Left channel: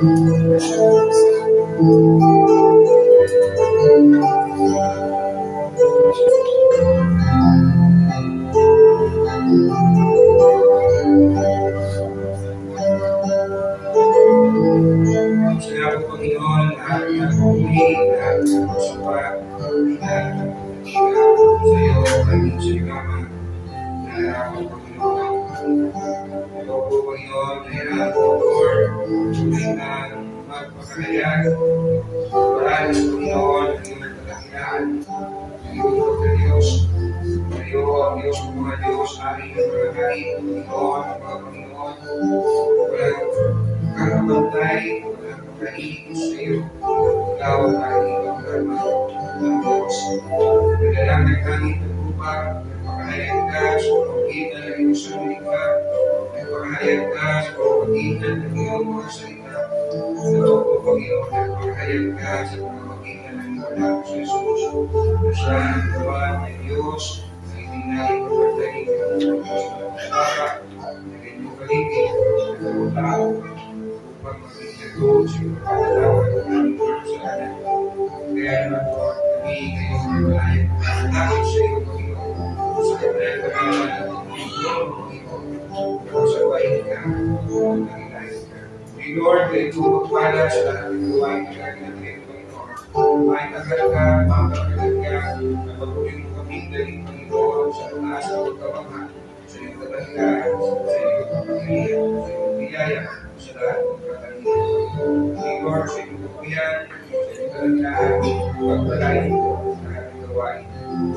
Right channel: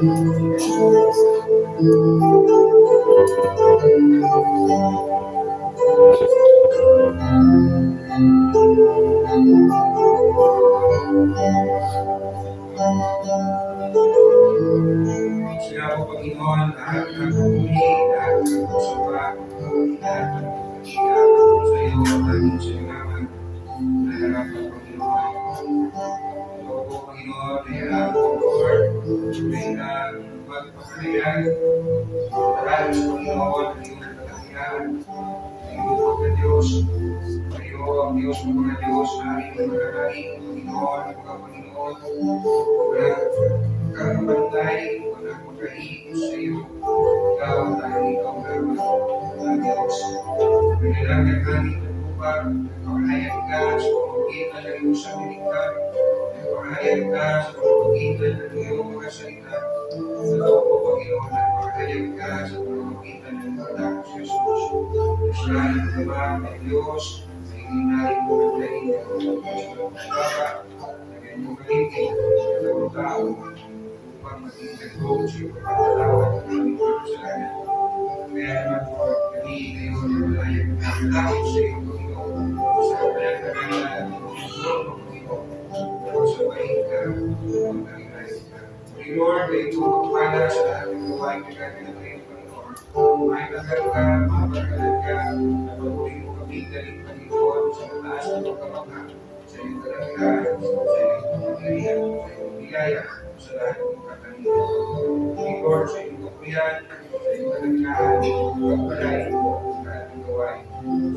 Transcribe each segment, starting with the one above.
Panginoon, lahat ng pumuli, lahat ng pagsapat, lahat ng pagkikap sa iyo, aming sinigama, nahirapan, Panginoon. Ito po, Panginoon, nahirapan po, Lord, tuloy kang magpakahayag. Maraming sa Panginoon, ang iyong kadakilaan, ang iyong pagka-Diyos. Kayo ang Diyos ng mga Diyos, aming mga hari, Panginoon, mga Panginoon. Walang kakabantay, walang makahilig sa iyo. Ikaw ang iyong karma ng Diyos. Naglalangin kami nagpupag, nagpakahayag ka sa pamamagitan ng iyong salita, nagpakahayag ka sa pamamagitan ng iyong mga salita. Ito po, Panginoon, nagpakahayag ka sa pamamagitan ng iyong anak sa Jesus. Na siya ang gawa ng Diyos sa itinagin mo pagdating ng Diyos ng Papa, na ganyang kaligid, na gawang tao, upang maging nagawag sa iyong pagkatawad ng aming mga kasalanan. Kaya naman po, kami ngayon ay malayang nakakapit sa iyo, Panginoon, sa kanyang kagalan at Panginoon, Panginoon, upang sa bahin ka, upang nagilayan ka. Lord, kayo tumagpala sa lahat ng gawain na gagawin natin, Panginoon. May tagal ka, mapagalan ka, na patuloy mo kami galing, Panginoon, sa taas ng pagkamangha, sa iyong kadakilaan, sa iyong pagkakirihan, sa iyong biyaya, sa lahat ng katangian. Lord, sa iyong kapuyan, sa iyong kadakilaan, pagpalain mo ang ating gawain.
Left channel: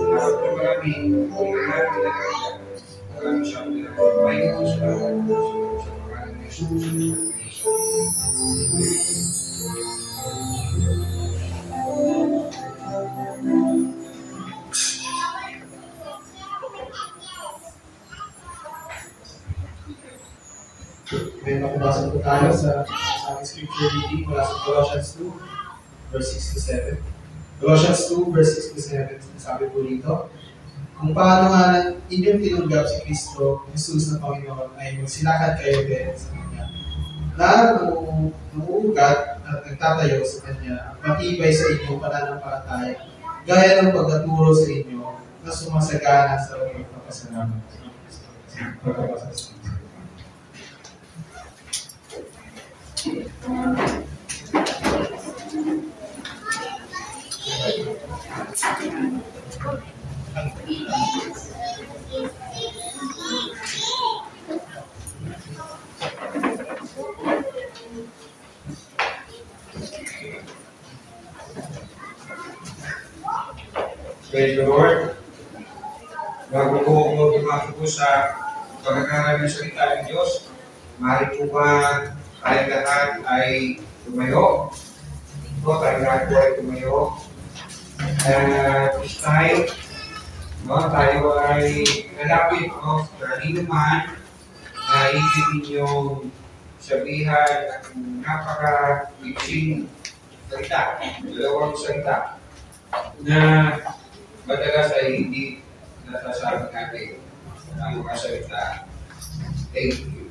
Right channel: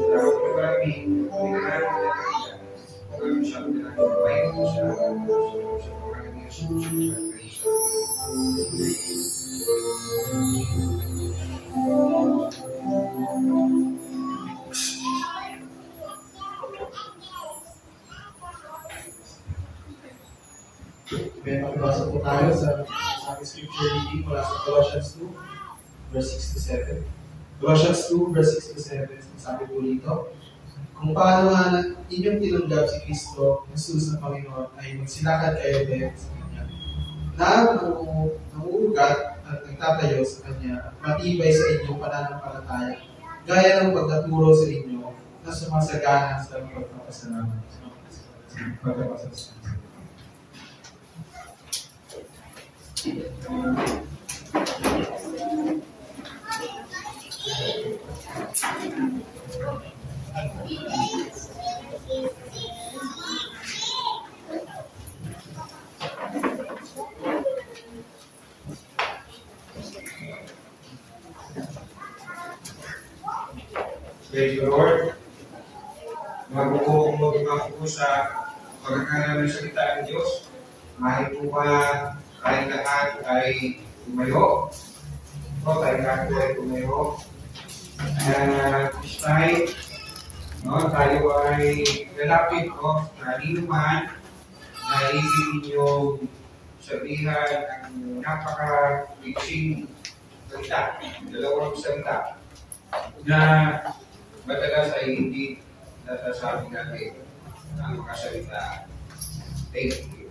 Salamat po marami, hindi ka natin nagkakita. Maraming siya ang pinakabay ko sa lahat, sa pangalan ni Jesus. May makabasa po tayo sa ating scripture reading mula sa Colossians 2, verse 6 to 7. Colossians 2, verse 6 to 7, sabi po dito, kung paano nga inyong tinanggap si Kristo, Jesus na Panginoon, ay magsilakad kayo din sa Kanya, na namuugat at nagtatayo sa Kanya, at matibay sa inyong pananampalataya, gaya ng pagkaturo sa inyo na sumasagana sa pagpapasalamat. Praise the Lord. Bago po magpapasok po sa pagkakaroon ng salita ng Diyos, maaari po ba tayong lahat ay tumayo? O tayong lahat po ay tumayo. This time, tayo ay lalapit sa linuman na ibig ninyong sabihan ng napaka-iksing salita, dalawang salita, na madalas ay hindi nasasabi natin ang mga salita. Thank you.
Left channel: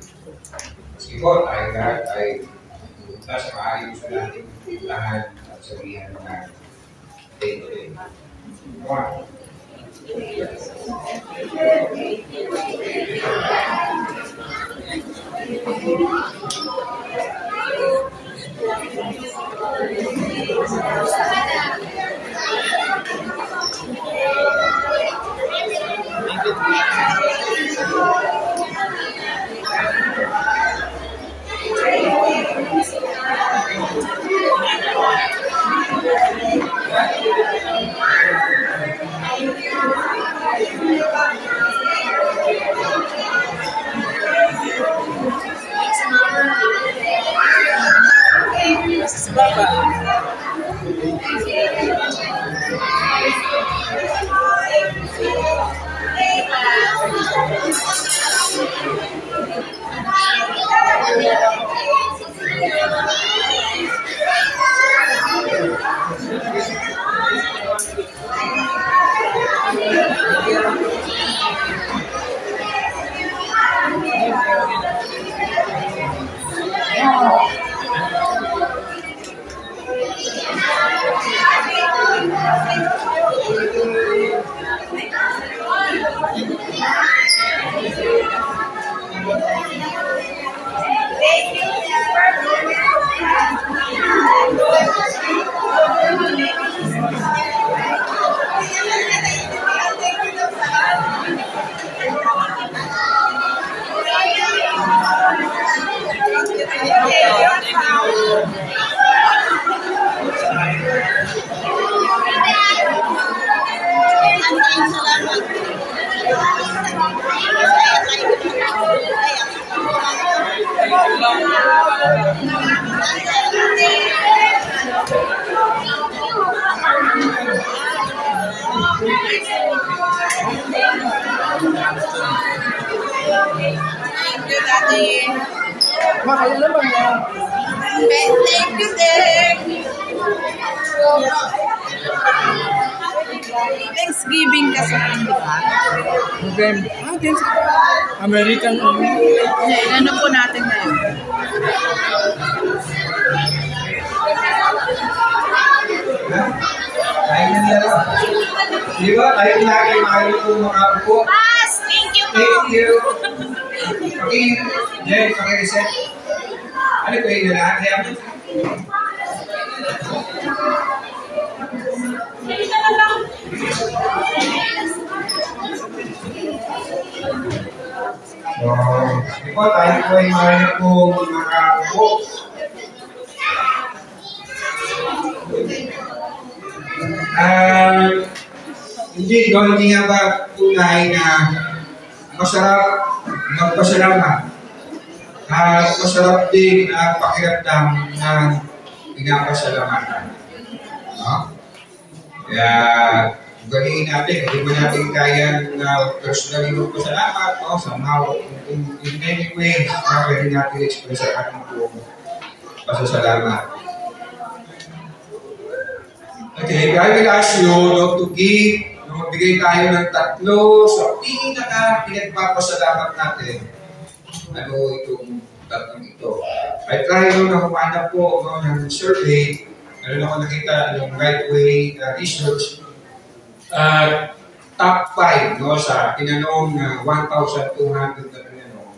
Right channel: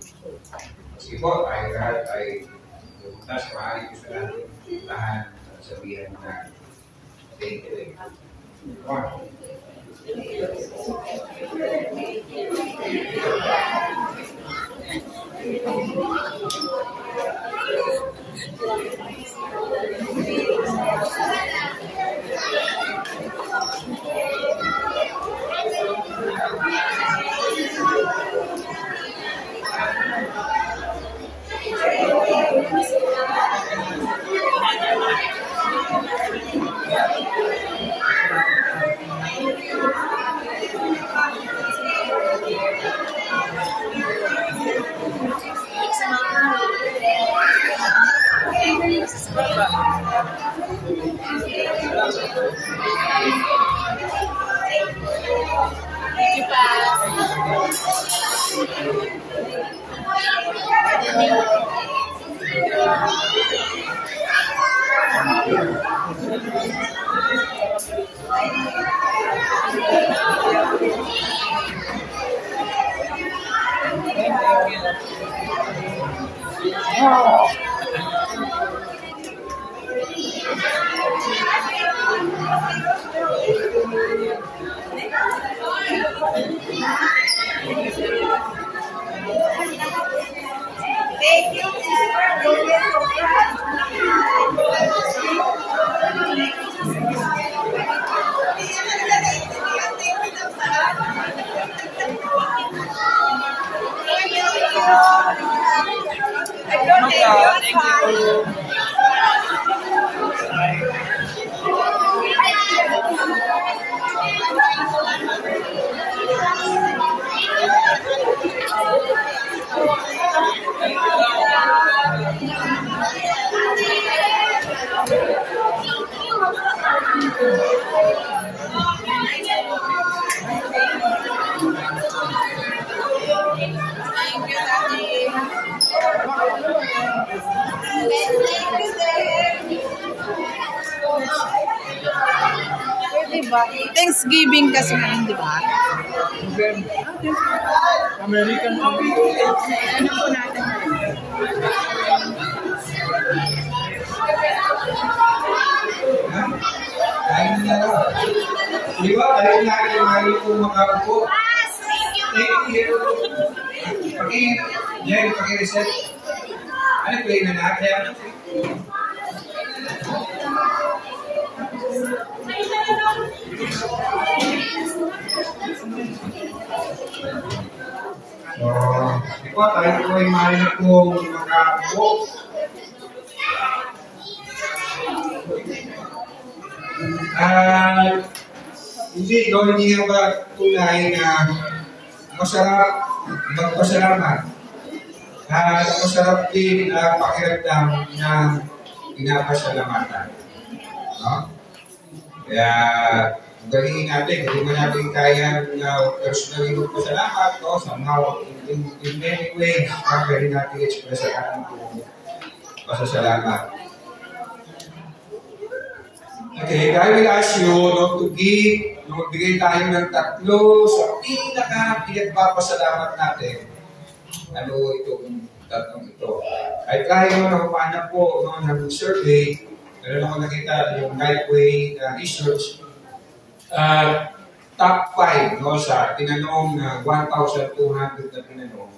Kasi po, tayo lahat ay nasa maaari sa natin lahat at sabihan na thank you. Come on. Thank you, Dek. Thanksgiving kasi, di ba? November. American. Ano po natin ngayon? Kain na nila lang. Di ba? Tayo lagi mahal kong makapupo. Pass! Thank you po! Thank you. Jen, paki-reset. Ano ba yun na lahat? Kaya mo. Di ba? Tayo po ay mahal kong makapupo. Hindi nga ba tunay na masarap magpasalamat at masarap din na pakiramdam ng pinapasalamatan. No? Kaya, galiin natin, hindi mo natin kaya na personally magpasalamat o somehow in many ways na pwede natin express ang ating buong pasasalamat. Okay, I will ask you not to give, na magbigay tayo ng 3 sa pinagpapasalamat natin. Ano itong 3 ito? I try na humanap po ng survey. Meron ako nakita yung Lightway research. Top 5 sa tinanong 1,200 na tinanong.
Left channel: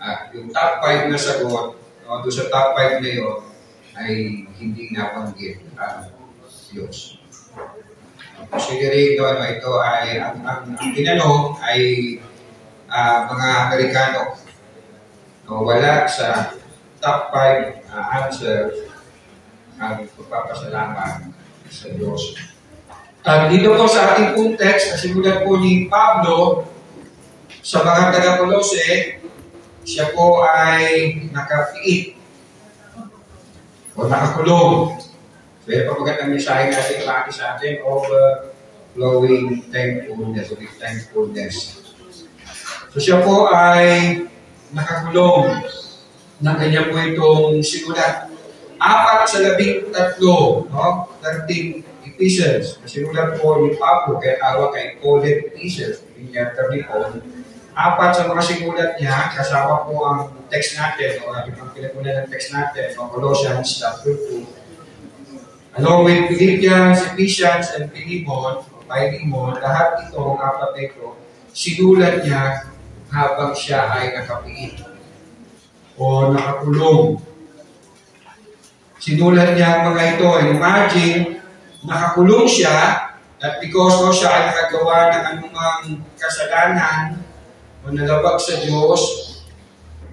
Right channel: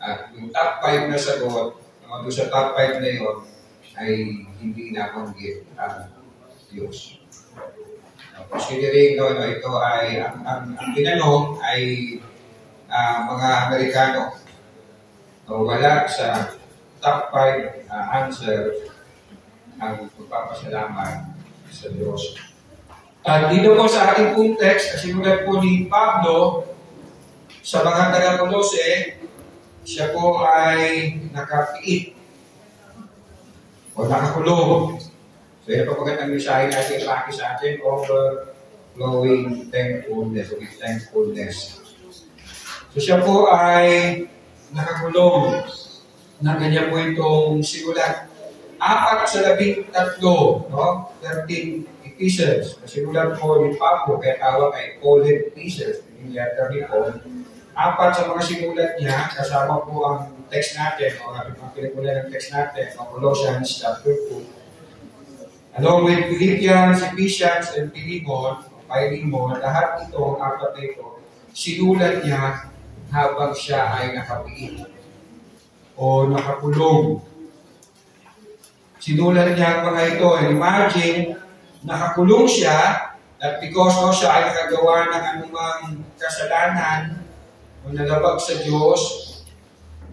At yung top 5 na sagot, doon sa top 5 na yun, ay hindi nabanggit ang Diyos. Considering ito ay, ang tinanong ay mga Amerikano. Wala sa top 5 answer ang pagpapasalamat sa Diyos. At dito po sa ating pong text, simulan po ni Pablo sa mga taga-Kolose, siya po ay nakapiit o nakakulong. So, yun po magandang mensahe natin ipaki sa atin of flowing thankfulness, with thankfulness. So, siya po ay nakakulong na kanya po itong sigulat. 4 sa 13, no? 13 epistles. Sinulat po ni Pablo, kaya tawag kay Pauline epistles, hindi niya Paul. 4 sa mga sinulat niya, kasama po ang text natin, o ang pinagkulan ng text natin, ang Colossians chapter 2. Along with Philippians, Ephesians, and Philemon, lahat ito, ang 4 na ito, sinulat niya habang siya ay nakapiit o nakakulong. Sinulat niya ang mga ito. Imagine, nakakulong siya at because siya ay nakagawa ng anumang kasalanan o nalabag sa Diyos,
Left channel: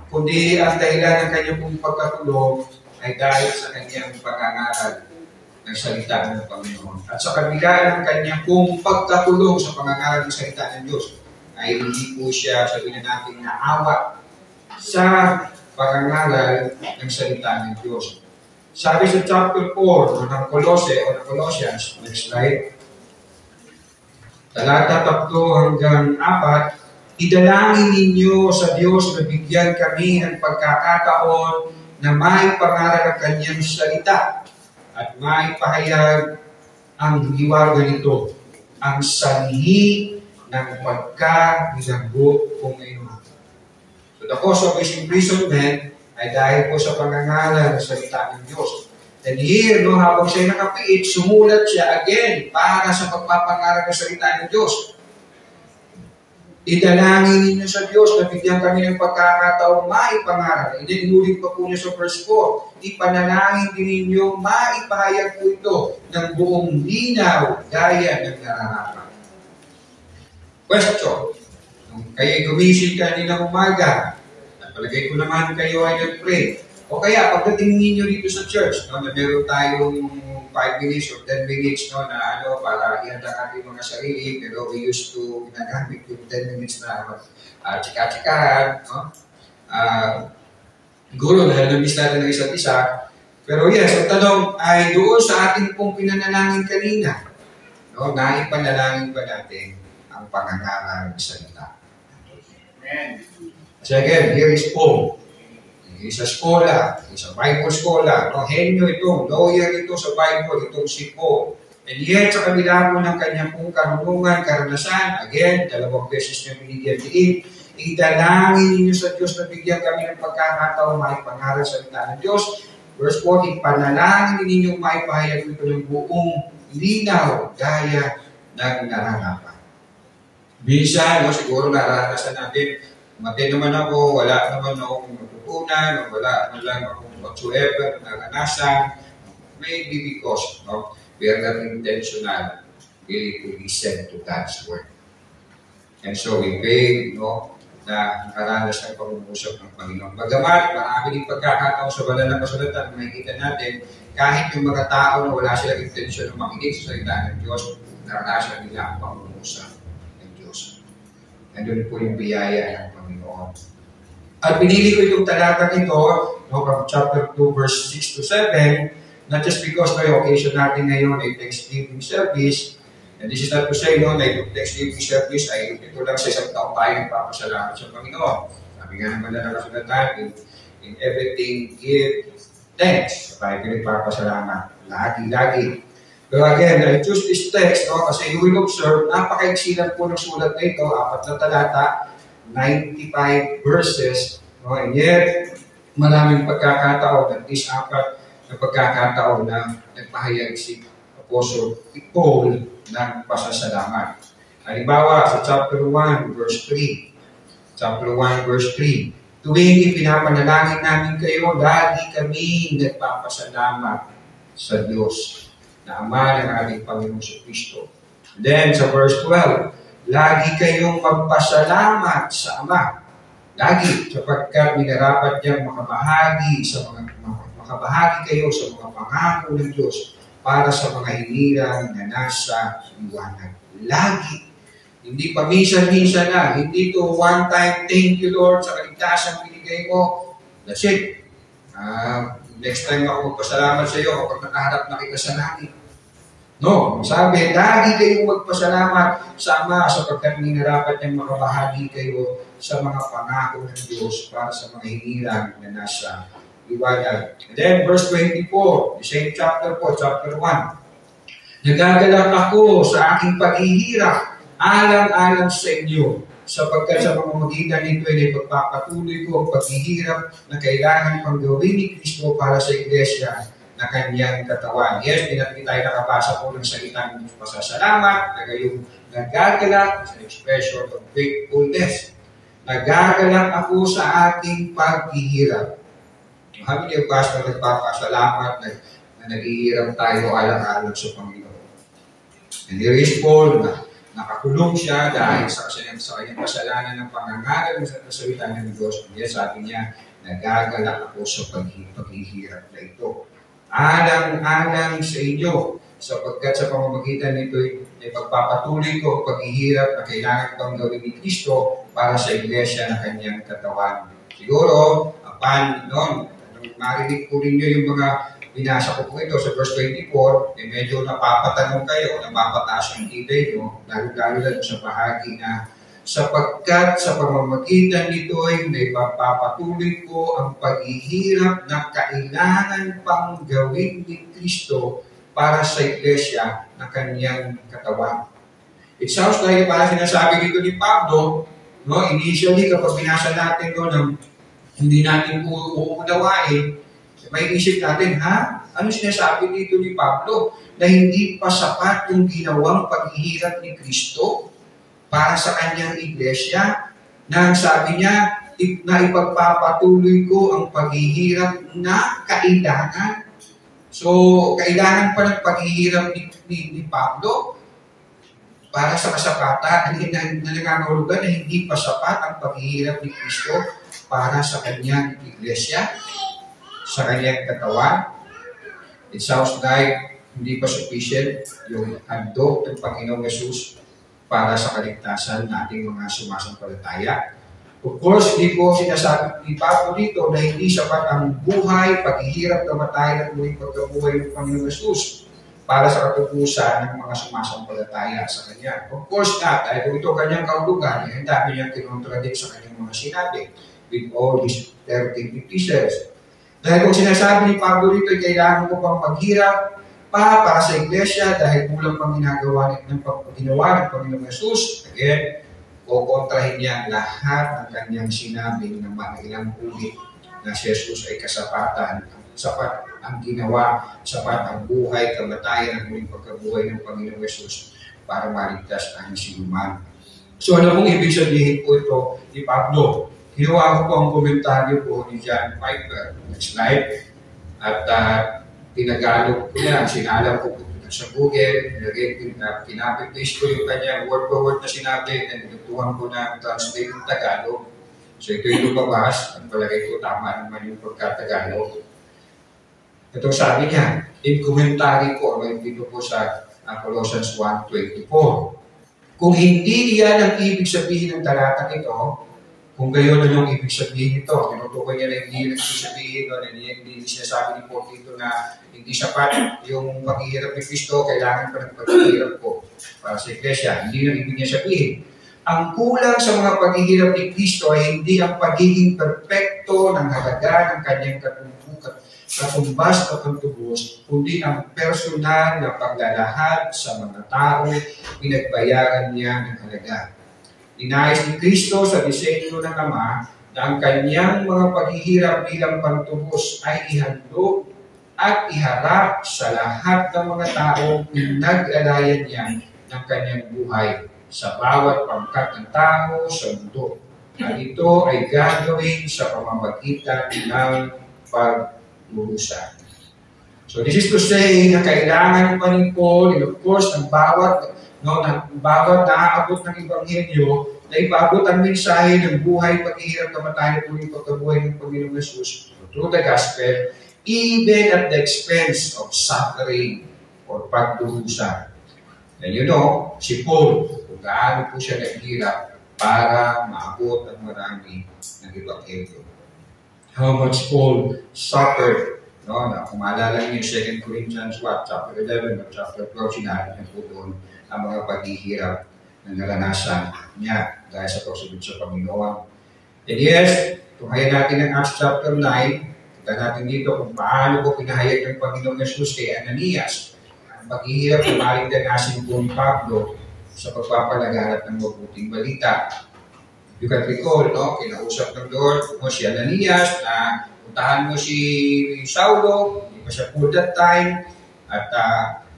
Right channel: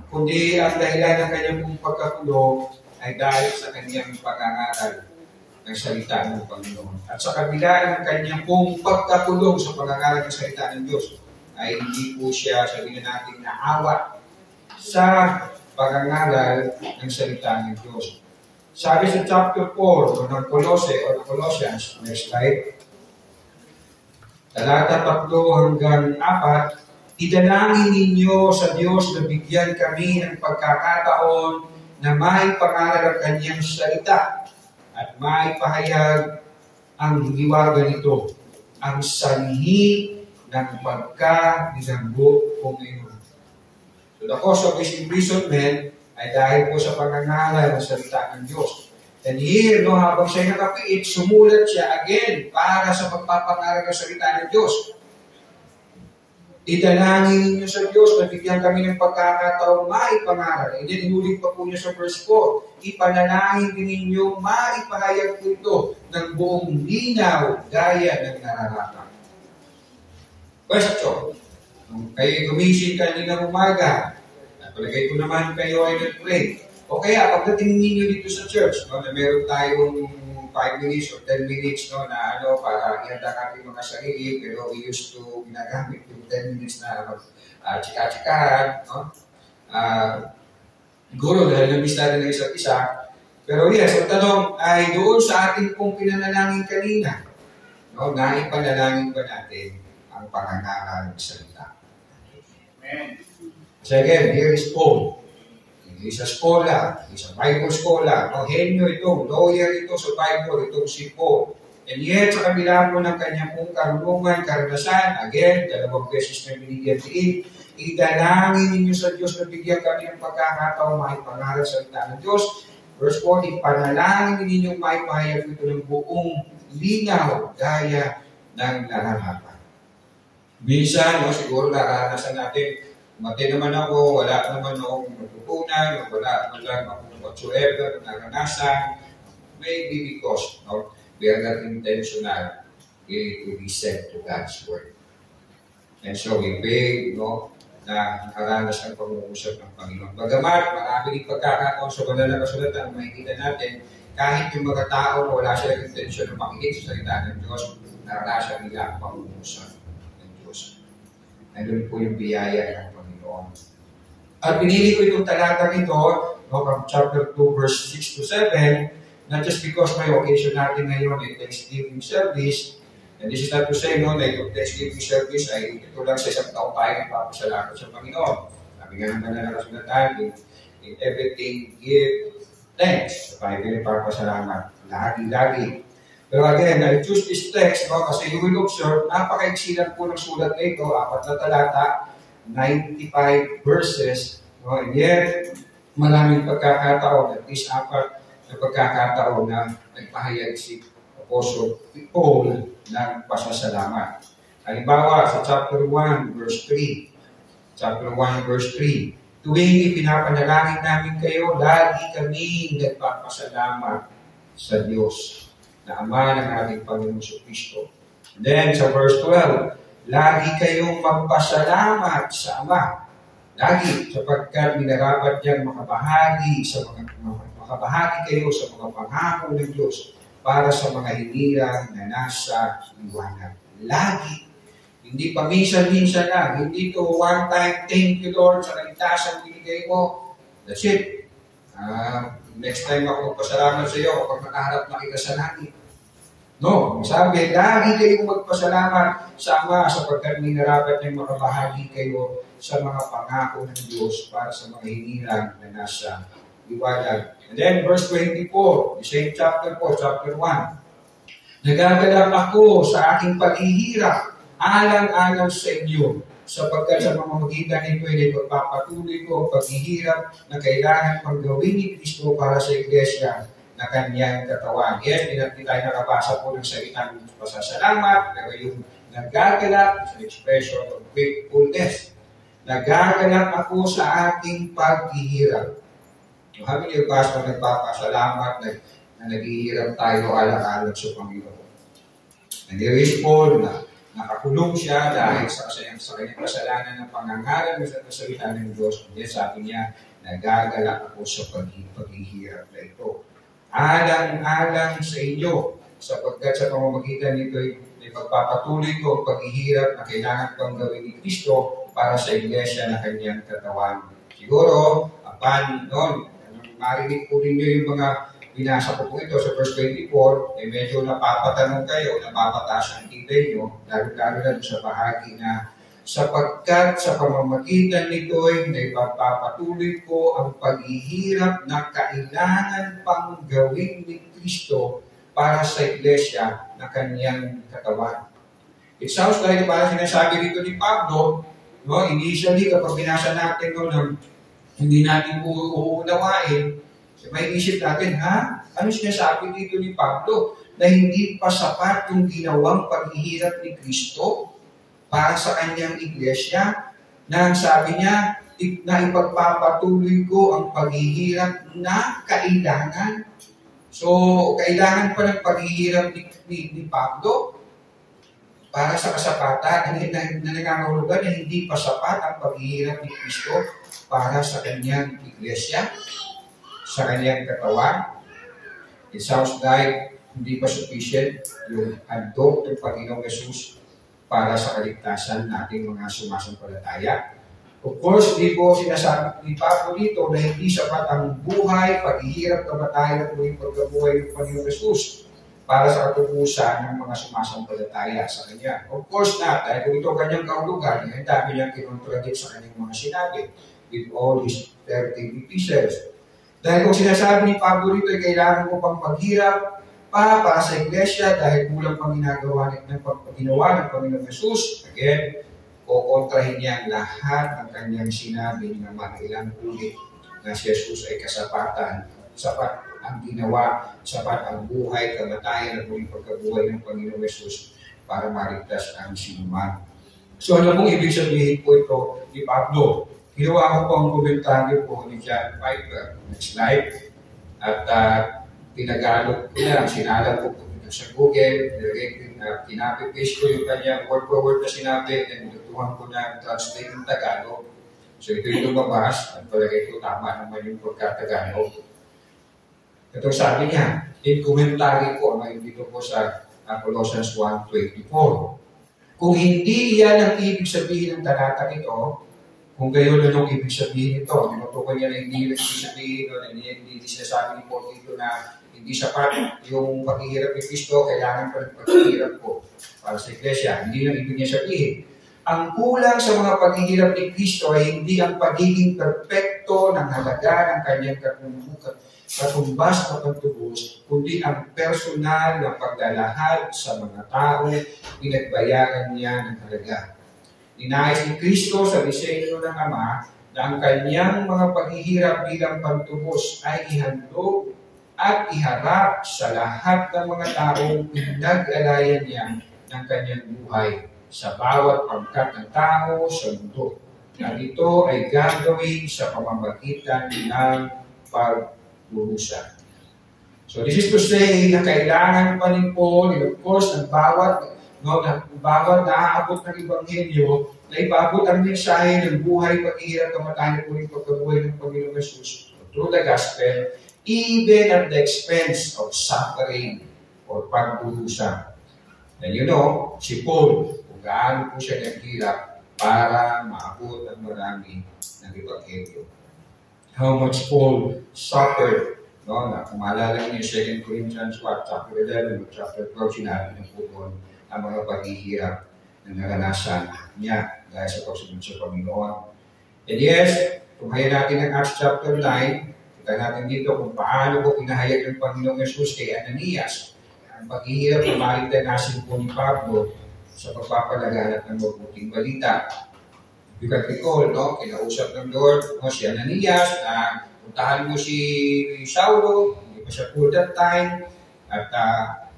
kundi ang dahilan ng kanyang pong pagkakulong ay dahil sa kanyang pag-angaral ng salita ng Panginoon. At sa kabila ng kanyang pong pagkakulong sa pag-angaral ng salita ng Diyos, ay hindi po siya, sabihin natin, naawa sa pag-angaral ng salita ng Diyos. Sabi sa chapter 4 ng Colossae o ng Colossians, next slide, talata 3 hanggang 4, idalangin ninyo sa Diyos na bigyan kami ng pagkakataon na may pangaral ang kanyang salita at may pahayag ang liwanag nito, ang sanhi ng pagkabilanggo po ngayon. So the cause of his imprisonment ay dahil po sa pangangaral ng salita ng Diyos. And here, no, habang siya nakapiit, sumulat siya again para sa pagpapangaral ng salita ng Diyos. Idalangin ninyo sa Diyos na bigyan kami ng pagkakataong maipangaral. And then, inulit pa po niya sa verse 4, ipanalangin din ninyo, maipahayag po ito ng buong linaw gaya ng nararapat. Question. Nung kayo'y gumising kanina umaga, at palagay ko naman kayo ay nag-pray. O kaya, pagdating ninyo dito sa church, no, na meron tayong 5 minutes or 10 minutes no, na para ihanda ating mga sarili, pero we used to ginagamit yung 10 minutes na chika-chikahan. No? Siguro, dahil nabis natin ng isa't isa. Pero yes, ang tanong ay doon sa ating pong pinanalangin kanina, no, na ipanalangin ba natin ang pangangaral ng salita? Amen. So again, here is Paul. He's a scholar, he's a Bible scholar. No, henyo ito, lawyer ito sa Bible, itong si Paul. And yet, sa kabila po ng kanyang pong karunungan, karanasan, again, 2 beses niya binigyan diin, idalangin ninyo sa Diyos na bigyan kami ng pagkakataon maipangaral sa salita ng Diyos. Verse 14, panalangin ninyong maipahayag ito ng buong linaw, gaya ng nararapat. Minsan, no, siguro naranasan natin, mati naman ako, wala naman akong natutunan, wala naman lang akong whatsoever naranasan. Maybe because no, we are not intentional really to listen to God's word. And so we pray no, na nakaranas ng pag-uusap ng Panginoon. Bagamat, marami din pagkakataon sa banal na kasulatan na makikita natin, kahit yung mga tao na wala silang intensyon na makinig sa salita ng Diyos, naranasan nila ang pag-uusap ng Diyos. Nandun po yung biyaya ng Panginoon. At pinili ko itong talatang ito, no, from chapter 2, verse 6 to 7, not just because may occasion natin ngayon ay Thanksgiving service, and this is not to say no, na itong Thanksgiving service ay ito lang sa isang taong tayo nagpapasalamat sa Panginoon. Sabi nga naman na nakasulatan, in everything give thanks. So tayo nagpapasalamat. Lagi-lagi. Pero again, I choose this text no, kasi you will observe, napaka-eksilan po ng sulat na ito, 4 na talata, 95 verses, no, and yet, maraming pagkakataon, at least 4 na pagkakataon na nagpahayag si Apostle Paul ng pasasalamat. Halimbawa, sa chapter 1, verse 3. Chapter 1, verse 3. Tuwing ipinapanalangin namin kayo, lagi kami nagpapasalamat sa Diyos, na Ama ng ating Panginoon sa Kristo. Then, sa verse 12, lagi kayong magpasalamat sa Ama. Lagi, sapagkat minarapat niyang makabahagi kayo sa mga pangako ng Diyos para sa mga hinirang na nasa liwanag. Lagi. Hindi pa minsan-minsan na. Hindi to one time, thank you Lord sa kaligtasan binigay mo. That's it. Next time ako magpasalamat sa iyo kapag nakaharap na kita sa langit. No, sabi, lagi kayong magpasalamat sa Ama sapagkat minarapat niyang makabahagi kayo sa mga pangako ng Diyos para sa mga hinirang na nasa liwanag. And then, verse 24, the same chapter po, chapter 1. Nagagalak ako sa aking paghihirap, alang-alang sa inyo, sapagkat sa mga magitan nito ay pagpapatuloy ko ang paghihirap na kailangan pang gawin ni Kristo para sa iglesia na kanyang katawan. Yes, hindi tayo nakabasa po ng salitang pasasalamat, pero yung nagagalak sa expression of gratefulness. Nagagalak ako sa aking paghihirap. Kami yung pastor nagpapasalamat na naghihirap tayo alang-alang sa Panginoon. And there is Paul na nakakulong siya dahil sa kanyang kasalanan ng pangangaral sa salita ng Diyos. Yes, sabi niya, nagagalak ako sa paghihirap na ito. Alang-alang sa inyo, sapagkat sa pamamagitan nito ay pagpapatuloy ko ang paghihirap na kailangan pang gawin ni Kristo para sa iglesia na kanyang katawan. Siguro, noon, marinig po rin nyo yung mga binasa ko po ito sa verse 24, medyo napapatanong kayo, napapataas ang ibay nyo, lalo-lalo lang sa bahagi na sapagkat sa pamamagitan nito ay naipapatuloy ko ang paghihirap na kailangan pang gawin ni Kristo para sa iglesia na kanyang katawan. It sounds like parang sinasabi dito ni Pablo, no, initially kapag binasa natin no, hindi natin uunawain, So, may isip natin, ano sinasabi dito ni Pablo? Na hindi pa sapat yung ginawang paghihirap ni Kristo para sa kanyang iglesia, na sabi niya, na ipagpapatuloy ko ang paghihirap na kailangan. So, kailangan pa ng paghihirap ni Pablo para sa kasapatan, na nangangahulugan na hindi pa sapat ang paghihirap ni Kristo para sa kanyang iglesia, sa kanyang katawan. It sounds like hindi pa sufficient yung handog ng Panginoong Yesus para sa kaligtasan nating mga sumasampalataya. Of course, hindi po sinasabi ni Pablo dito na hindi sapat ang buhay, paghihirap, kamatayan at muling pagkabuhay ng Panginoong Yesus para sa katubusan ng mga sumasampalataya sa Kanya. Of course not, dahil kung ito kanyang kahulugan, ang dami niyang kinontradict sa kanyang mga sinabi with all his 13 epistles. Dahil kung sinasabi ni Pablo dito, kailangan ko pang maghirap para sa iglesia dahil kulang pang ginawa ng Panginoong Yesus. Again, kukontrahin niya ang lahat ng kanyang sinabi ng mga ilang ulit na si Jesus ay kasapatan, sapat ang ginawa, sapat ang buhay, kamatayan at muling pagkabuhay ng Panginoong Yesus para maligtas ang sinuman. So ano pong ibig sabihin po ito ni Pablo? Ginawa ko po ang komentaryo po ni John Piper. Next slide. At pinagalog ko na, sinalam ko sa Google, pinapipaste ko yung kanya word for word na sinabi, and natutuhan ko na translate yung Tagalog. So ito yung lumabas, at palagay ko tama naman yung pagkatagalog. Ito sabi niya, in commentary ko, dito po sa Colossians 1:24. Kung hindi yan ang ibig sabihin ng talatang ito, kung gayon na yung ibig sabihin ito, tinutukoy niya na hindi yung ibig sabihin ito, na hindi sinasabi ni Paul dito na hindi sapat yung paghihirap ni Kristo, kailangan pa ng paghihirap ko para sa iglesia. Hindi lang ibig niya sabihin. Ang kulang sa mga paghihirap ni Kristo ay hindi ang pagiging perfecto ng halaga ng kanyang katumbas na pantubos, kundi ang personal na paglalahad sa mga taong pinagbayaran niya ng halaga. Ninais ni Kristo sa disenyo ng Ama na ang kanyang mga paghihirap bilang pantubos ay ihandog at iharap sa lahat ng mga taong pinag-alayan niya ng kanyang buhay sa bawat pangkat ng tao sa mundo. At ito ay gagawin sa pamamagitan ng pagdurusa. So this is to say na kailangan pa rin po, and of course, ng bawat naaabot ng Ebanghelyo na ipaabot ang mensahe ng buhay, paghihirap, kamatayan at muling pagkabuhay ng Panginoong Yesus through the gospel, even at the expense of suffering or pagdurusa. And you know, si Paul, kung gaano po siya naghirap para maabot ang marami ng Ebanghelyo. How much Paul suffered. No? Na kung maalala niyo yung 2 Corinthians chapter 11 or chapter 12, sinabi niya po doon ang mga paghihirap na naranasan niya dahil sa pagsunod sa Panginoon. And yes, tunghayan natin ang Acts chapter 9, kita natin dito kung paano po pinahayag ng Panginoong Yesus kay Ananias ang paghihirap ng maligdanasin po ni Pablo sa pagpapalaganap ng mabuting balita. You can recall, no? Kinausap ng Lord, no? Si Ananias na puntahan mo si Saulo, hindi pa siya full that time, at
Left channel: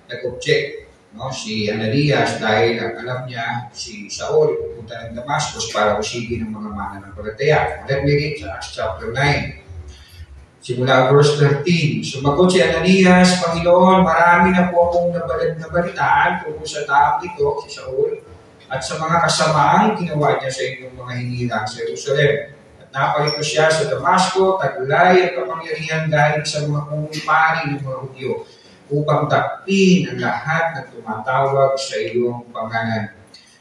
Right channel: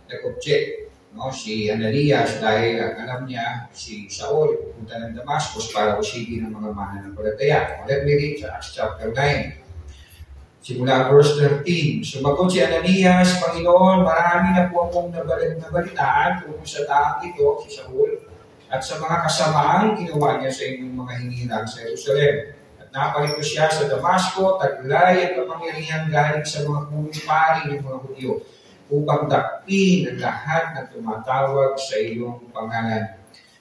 nag-object. No, si Ananias dahil alam niya si Saul pupunta ng Damascus para usigin ng mga mananampalataya. Let me read sa Acts chapter 9. Simula verse 13. Sumagot si Ananias, Panginoon, marami na po akong nabalitaan tungkol sa taong ito, si Saul, at sa mga kasamaang ginawa niya sa inyong mga hinirang sa Jerusalem. At napalito siya sa Damasco, taglay at kapangyarihan galing sa mga pumipari ng mga Hudyo, upang dakpin ang lahat na tumatawag sa iyong pangalan.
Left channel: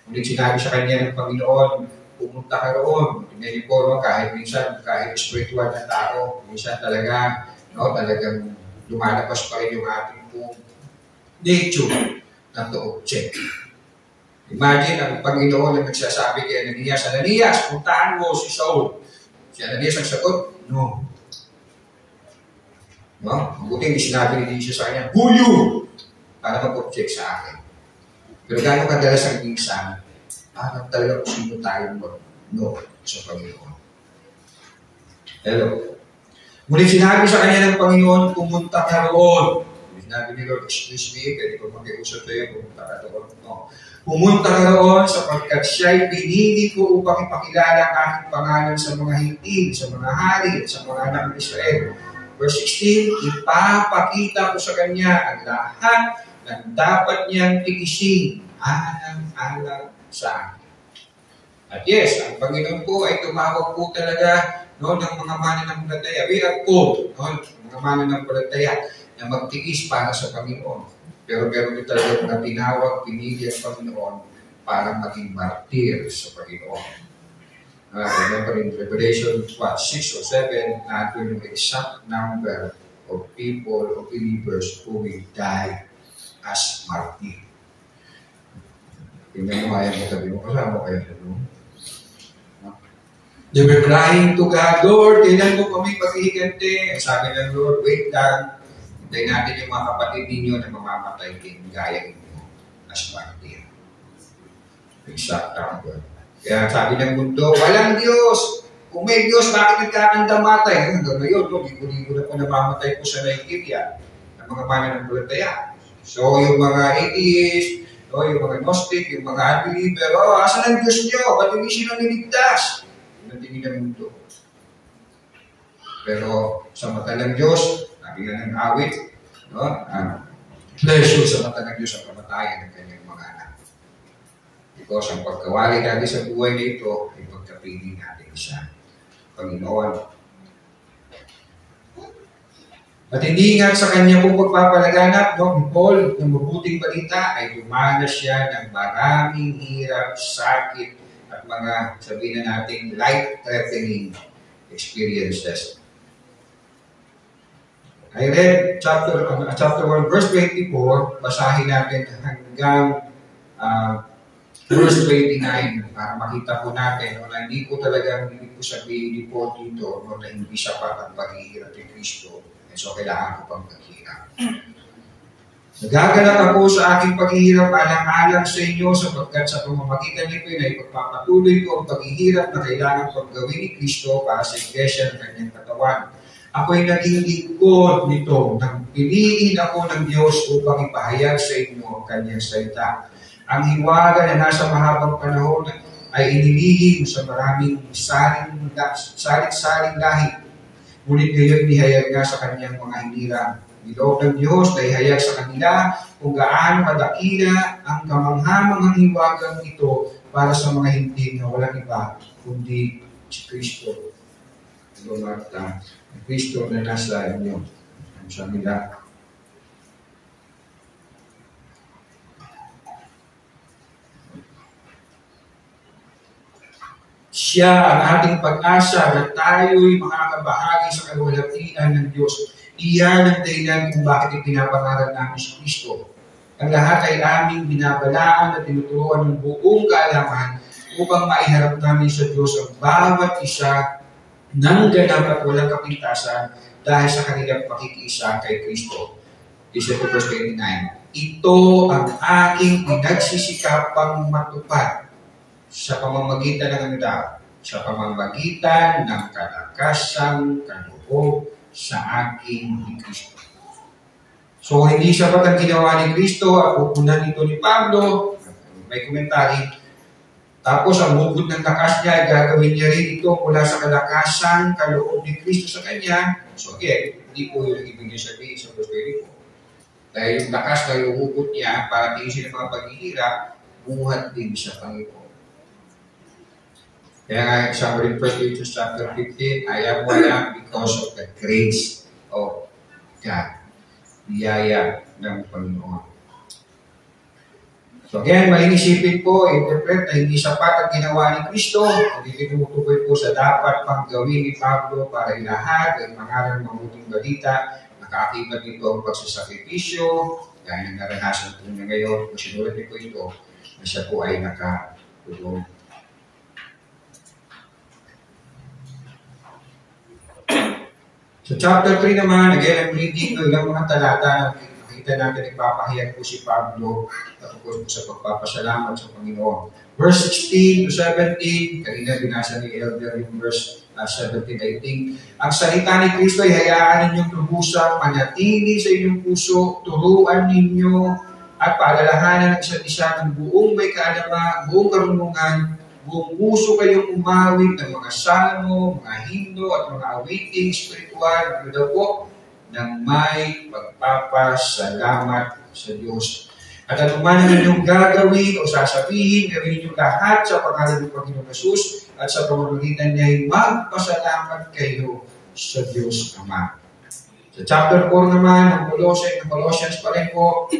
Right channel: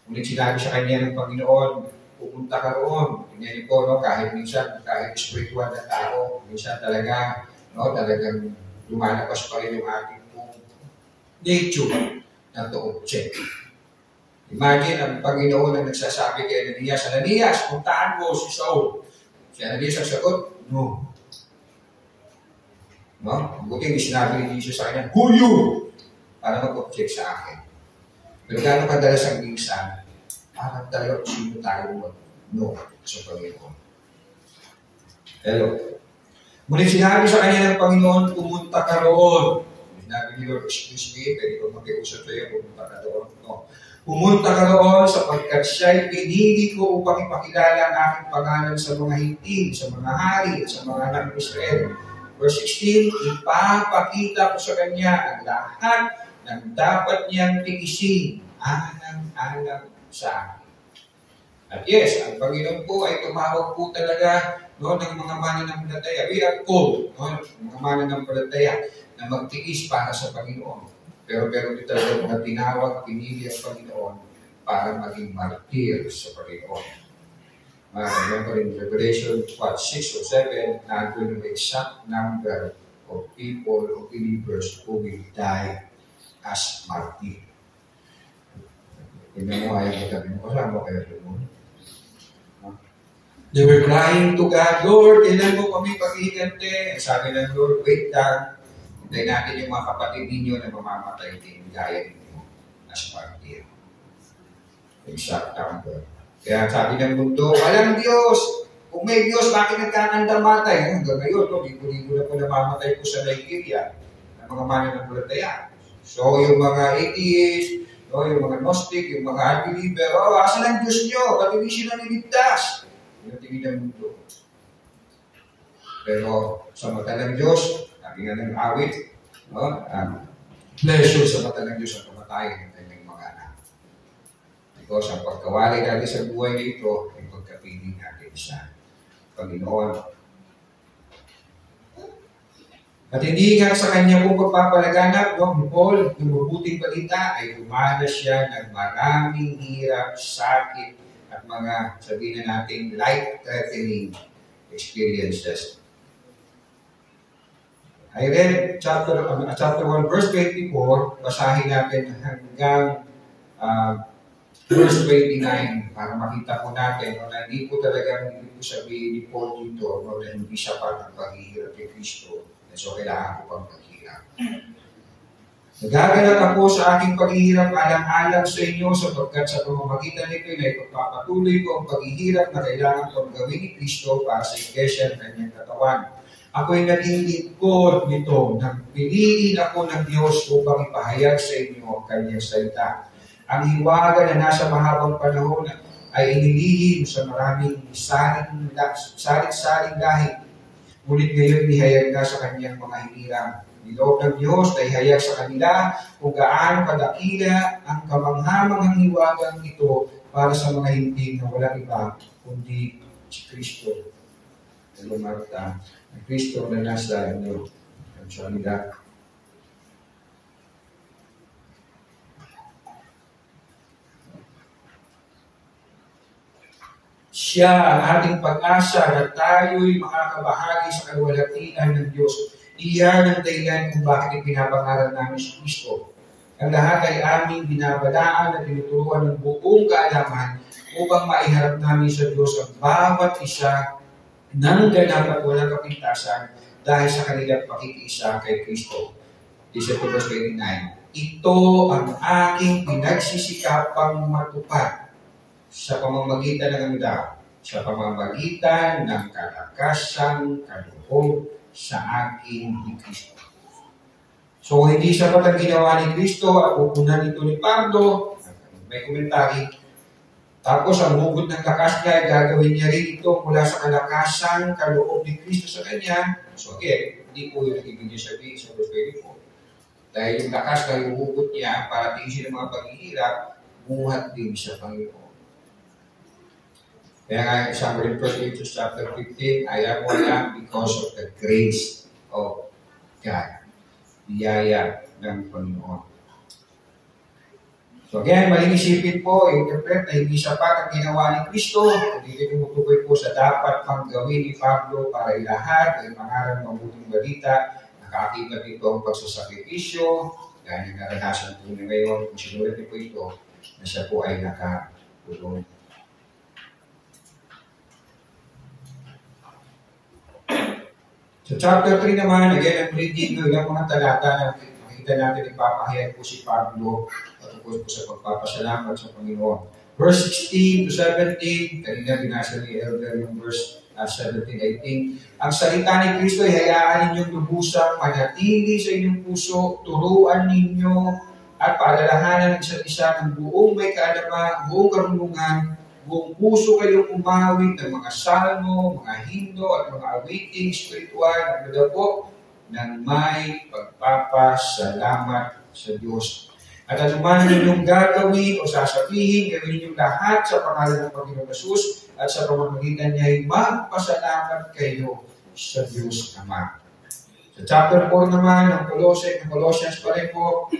Ngunit sinabi sa kanya ng Panginoon, pumunta ka roon. Tingnan niyo po, no, kahit minsan, kahit spiritual na tao, minsan talaga, no, talagang lumalabas pa rin yung ating pong nature na to-object. Imagine ang Panginoon ang nagsasabi kay Ananias, Ananias, puntaan mo si Saul. Si Ananias ang sagot, no. No? Buti hindi sinabi ni Jesus sa kanya, who you? Para mag-object sa akin. Pero gano'n kadalas ang minsan, para talaga kung sino tayo no sa Panginoon. Hello. Ngunit sinabi sa kanya ng Panginoon, pumunta ka roon. Sinabi ni Lord, excuse me, pwede ko makiusap sa'yo, pumunta ka doon. No. Pumunta ka roon sapagkat siya'y pinili ko upang ipakilala ang aking pangalan sa mga hintil, sa mga hari, at sa mga anak ng Israel. Verse 16, ipapakita ko sa kanya ang lahat ng dapat niyang tigisin alang-alang sa akin. At yes, ang Panginoon po ay tumawag po talaga no, ng mga mananampalataya. We are called, no, mga mananampalataya na magtiis para sa Panginoon. Pero meron din talaga mga tinawag, pinili ang Panginoon para maging martir sa Panginoon. Remember in Revelation 6 or 7, nandun yung exact number of people, of believers who will die as martir. Tingnan mo ayaw mo sabi mo, kasama kayo sa room. They were crying to God, Lord, kailan mo kami paghihigante? Sabi ng Lord, wait lang. Hintayin natin yung mga kapatid ninyo na mamamatay din gaya ninyo as martir. Exact number. Kaya sabi ng mundo, walang Diyos. Kung may Diyos, bakit nagkakandamatay? Hanggang ngayon, libo-libo na po namamatay po sa Nigeria ng mga mananampalataya. So, yung mga atheist, no, yung mga Gnostic, yung mga unbeliever, asan ang Diyos nyo? Ba't hindi sila niligtas? Yung tingin ng mundo. Pero sa mata ng Diyos, lagi nga ng awit, no? Pleasure sa mata ng Diyos ang kamatayan ng kanyang mga anak. Because ang pagkawali natin sa buhay nito ay pagkapili natin sa Panginoon. At hindi nga sa kanya pong pagpapalaganap, no, ni Paul, ng mabuting balita ay dumanas siya ng maraming hirap, sakit, at mga sabihin na natin life-threatening experiences. I read chapter 1, verse 24, basahin natin hanggang verse 29 para makita po natin na hindi po talagang hindi po sabihin ni Paul dito na hindi sapat ang paghihirap ni Kristo. So, kailangan ko pang paghihirap. Nagagalak ako sa aking paghihirap alang-alang sa inyo sapagkat sa pamamagitan nito ay pagpapatuloy ko ang paghihirap na kailangan pang gawin ni Kristo para sa iglesia ng kanyang katawan. Ako'y naging lingkod nito nang piliin ako ng Diyos upang ipahayag sa inyo ang kanyang salita. Ang hiwaga na nasa mahabang panahon ay inilihim sa maraming salit-saling dahil. Ngunit ngayon ihayag na sa kanyang mga hinirang. Niloob ng Diyos na ihayag sa kanila kung gaano kadakila ang kamanghamanghang hiwagang ito para sa mga hindi na walang iba kundi si Kristo. Marta, ang Kristo na nasa inyo. Ang samila. Siya ang ating pag-asa na tayo'y makakabahagi sa kaluwalhatian ng Diyos. Iyan ang dahilan kung bakit ipinapangalan namin si Kristo. Ang lahat ay aming binabalaan at tinuturuan ng buong kaalaman upang maiharap namin sa Diyos ang bawat isa ng ganap at walang kapintasan dahil sa kanilang pakikiisa kay Kristo. Verse 29. Ito ang aking pinagsisikapang matupad sa pamamagitan ng anida, sa pamamagitan ng kalakasang kaloob sa aking ni Kristo. So, hindi sapat ang ginawa ni Kristo at pupunan nito ni Pablo. May komentary. Tapos, ang bukod ng lakas niya ay gagawin niya rin ito mula sa kalakasang kaloob ni Kristo sa kanya. So, again, hindi po yung ibig niya sabihin sa verse 24. Dahil yung lakas na yung hugot niya para tingin ng mga paghihirap, buhat din sa Panginoon. Kaya nga, example in 1 Corinthians chapter 15, I am what I am because of the grace of God. Biyaya ng Panginoon. So again, maling isipin po, interpret na hindi sapat ang ginawa ni Kristo. Hindi tinutukoy po sa dapat pang gawin ni Pablo para ilahad ang pangalan ng mabuting balita. Nakaakibat nito ang pagsasakripisyo, gaya ng naranasan po niya ngayon. Kung sinulat niyo po ito, na siya po ay nakatulong. So chapter 3 naman, again, I'm reading ilang mga talata. Nakita natin, nagpapahayag po si Pablo tungkol po sa pagpapasalamat sa Panginoon. Verse 16 to 17, kanina binasa ni Elder yung verse 17, I think. Ang salita ni Kristo ay hayaan ninyong lubusang manatili sa inyong puso, turuan ninyo at paalalahanan ng isa't isa ng buong may kaalaman, buong karunungan, buong puso kayong umawit ng mga salmo, mga himno at mga awiting spiritual, daw ng may pagpapasalamat sa Diyos. At anuman ang inyong gagawin o sasabihin, gawin ninyong lahat sa pangalan ng Panginoong Jesus at sa pamamagitan niya ay magpasalamat kayo sa Diyos Ama. Sa chapter 4 naman ng Colossians pa rin po,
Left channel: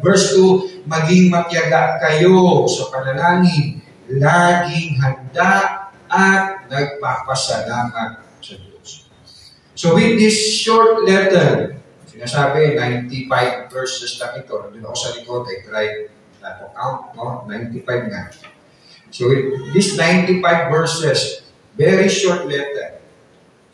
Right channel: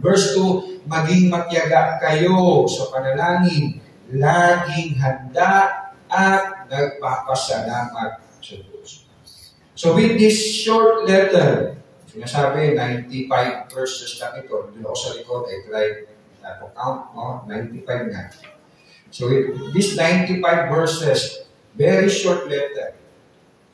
verse 2, maging matiyaga kayo sa panalangin, laging handa at nagpapasalamat sa Diyos. So with this short letter, sinasabi 95 verses lang ito. Doon ako sa likod, I tried to count, no? 95 nga. So with this 95 verses, very short letter,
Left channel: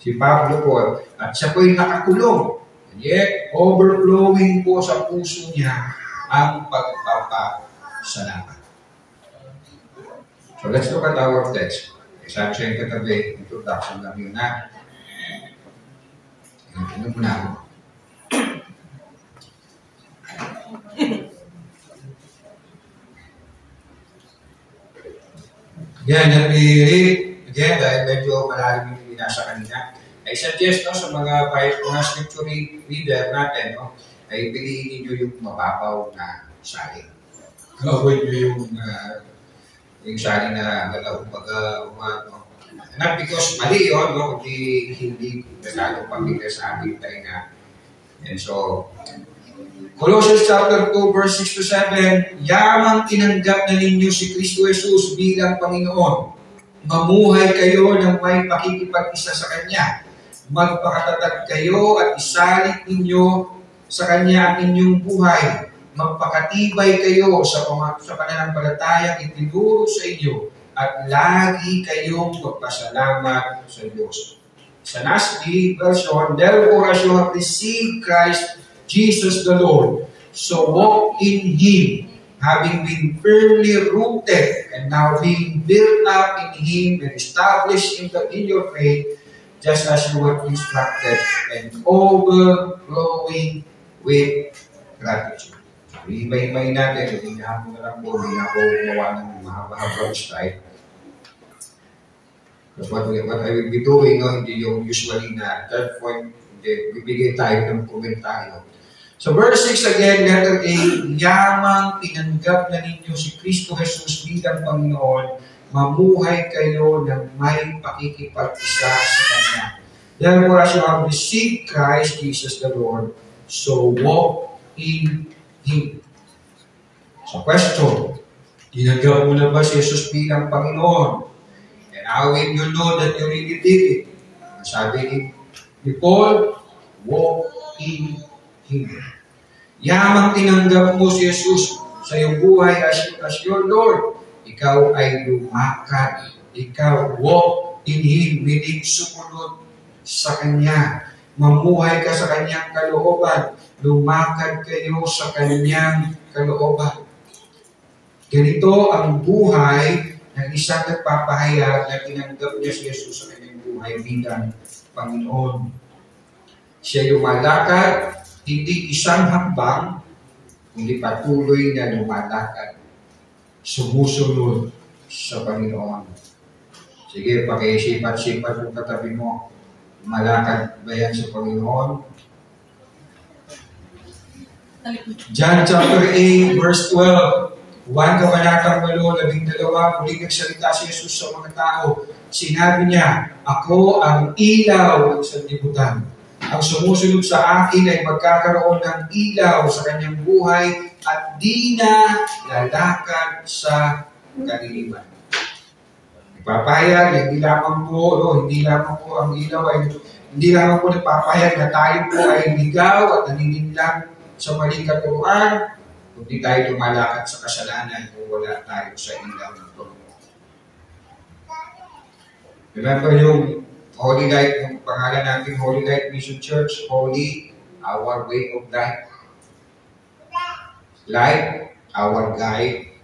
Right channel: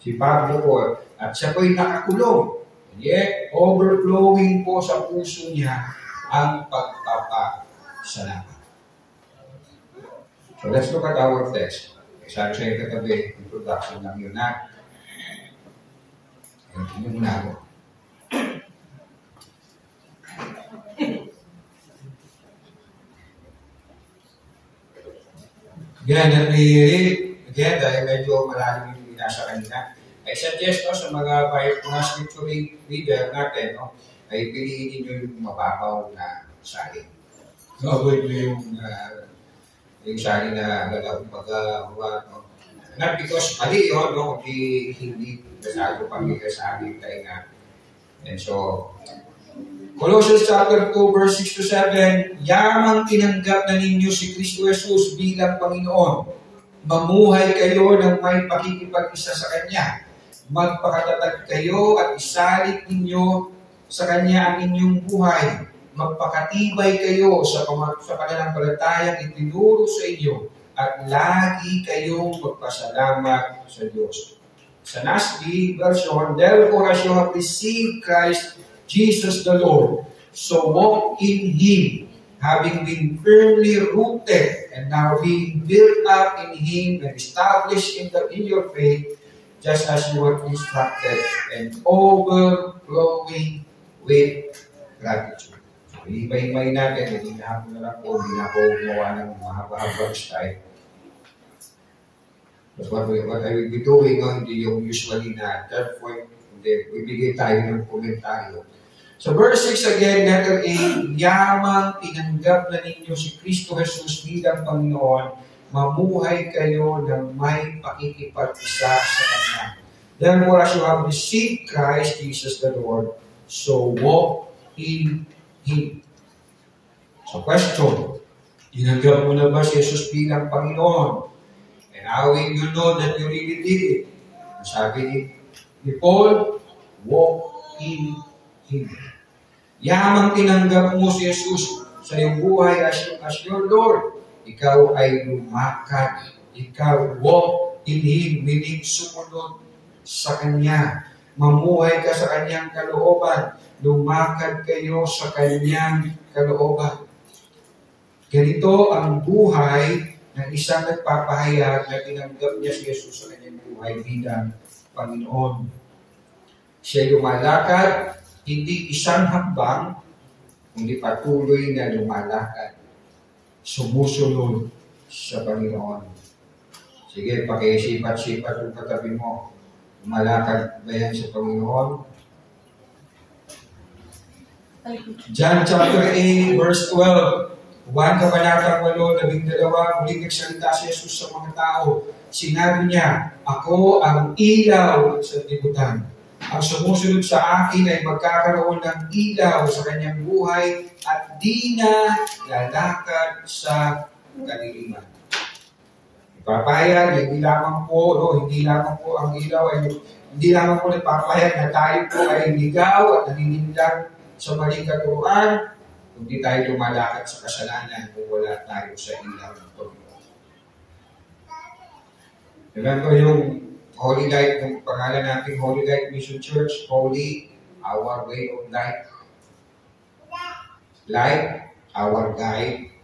si Pablo po, at siya po'y nakakulong. And yet, overflowing po sa puso niya ang pagpapasalamat. So let's look at our text. Sabi sa yung katabi, introduction lang yun na. Tingnan mo na ako. Again, let me read. Again, dahil medyo malalim yung binasa kanina. I suggest sa mga scripture reader natin, ay piliin niyo yung mababaw na salin. Gawin niyo yung salin na kumbaga, not because mali yun, kundi hindi masyado pamilya sa amin tayo nga. And so, Colossians chapter 2, verse 6 to 7, yamang tinanggap na ninyo si Kristo Jesus bilang Panginoon. Mamuhay kayo ng may pakikipag-isa sa Kanya. Magpakatatag kayo at isalit ninyo sa Kanya ang inyong buhay. Magpakatibay kayo sa pananampalatayang itinuro sa inyo at lagi kayong magpasalamat sa Diyos. Sa NASB version, therefore as you have received Christ Jesus the Lord, so walk in Him, having been firmly rooted and now being built up in Him and established in your faith, just as you were instructed, and overflowing with gratitude. Iba-ibay natin, hindi na ako na lang po, hindi na ako gawa ng mahaba-habang style. Because what I will be doing, hindi yung usually na third point, hindi, bibigay tayo ng komentaryo. So verse 6 again, letter A, yamang tinanggap na ninyo si Kristo Jesus bilang Panginoon, mamuhay kayo ng may pakikipag-isa sa Kanya. Therefore, as you have received Christ Jesus the Lord, so walk in Him. So question, tinanggap mo na ba si Jesus bilang Panginoon? And how will you know that you really did it? Sabi ni Paul, walk in Him. Yamang tinanggap mo si Jesus sa iyong buhay as your Lord, ikaw ay lumakad. Ikaw walk in Him, meaning sumunod sa Kanya. Mamuhay ka sa Kanyang kalooban. Lumakad kayo sa Kanyang kalooban. Ganito ang buhay ng isang nagpapahayag na tinanggap niya si Jesus sa Kanyang buhay bilang Panginoon. Siya lumalakad, hindi isang hakbang, kundi patuloy na lumalakad, sumusunod sa Panginoon. Sige, pakiisipat-sipat yung katabi mo. Lumalakad ba yan sa Panginoon? John chapter 8, verse 12. 1 Kabanatang 8, 12, muling nagsalita si Jesus sa mga tao. Sinabi niya, ako ang ilaw ng sanlibutan. Ang sumusunod sa akin ay magkakaroon ng ilaw sa kanyang buhay at di na lalakad sa kaliliman. Ipapahayag na hindi lamang po ang ilaw ay hindi lamang po nagpapahayag na tayo po ay ligaw at naninindang sa maling katuruan, kundi tayo lumalakad sa kasalanan kung wala tayo sa ilaw nito. Remember yung Holy Light, yung pangalan natin, Holy Light Mission Church, Holy, our way of life. Light, our guide.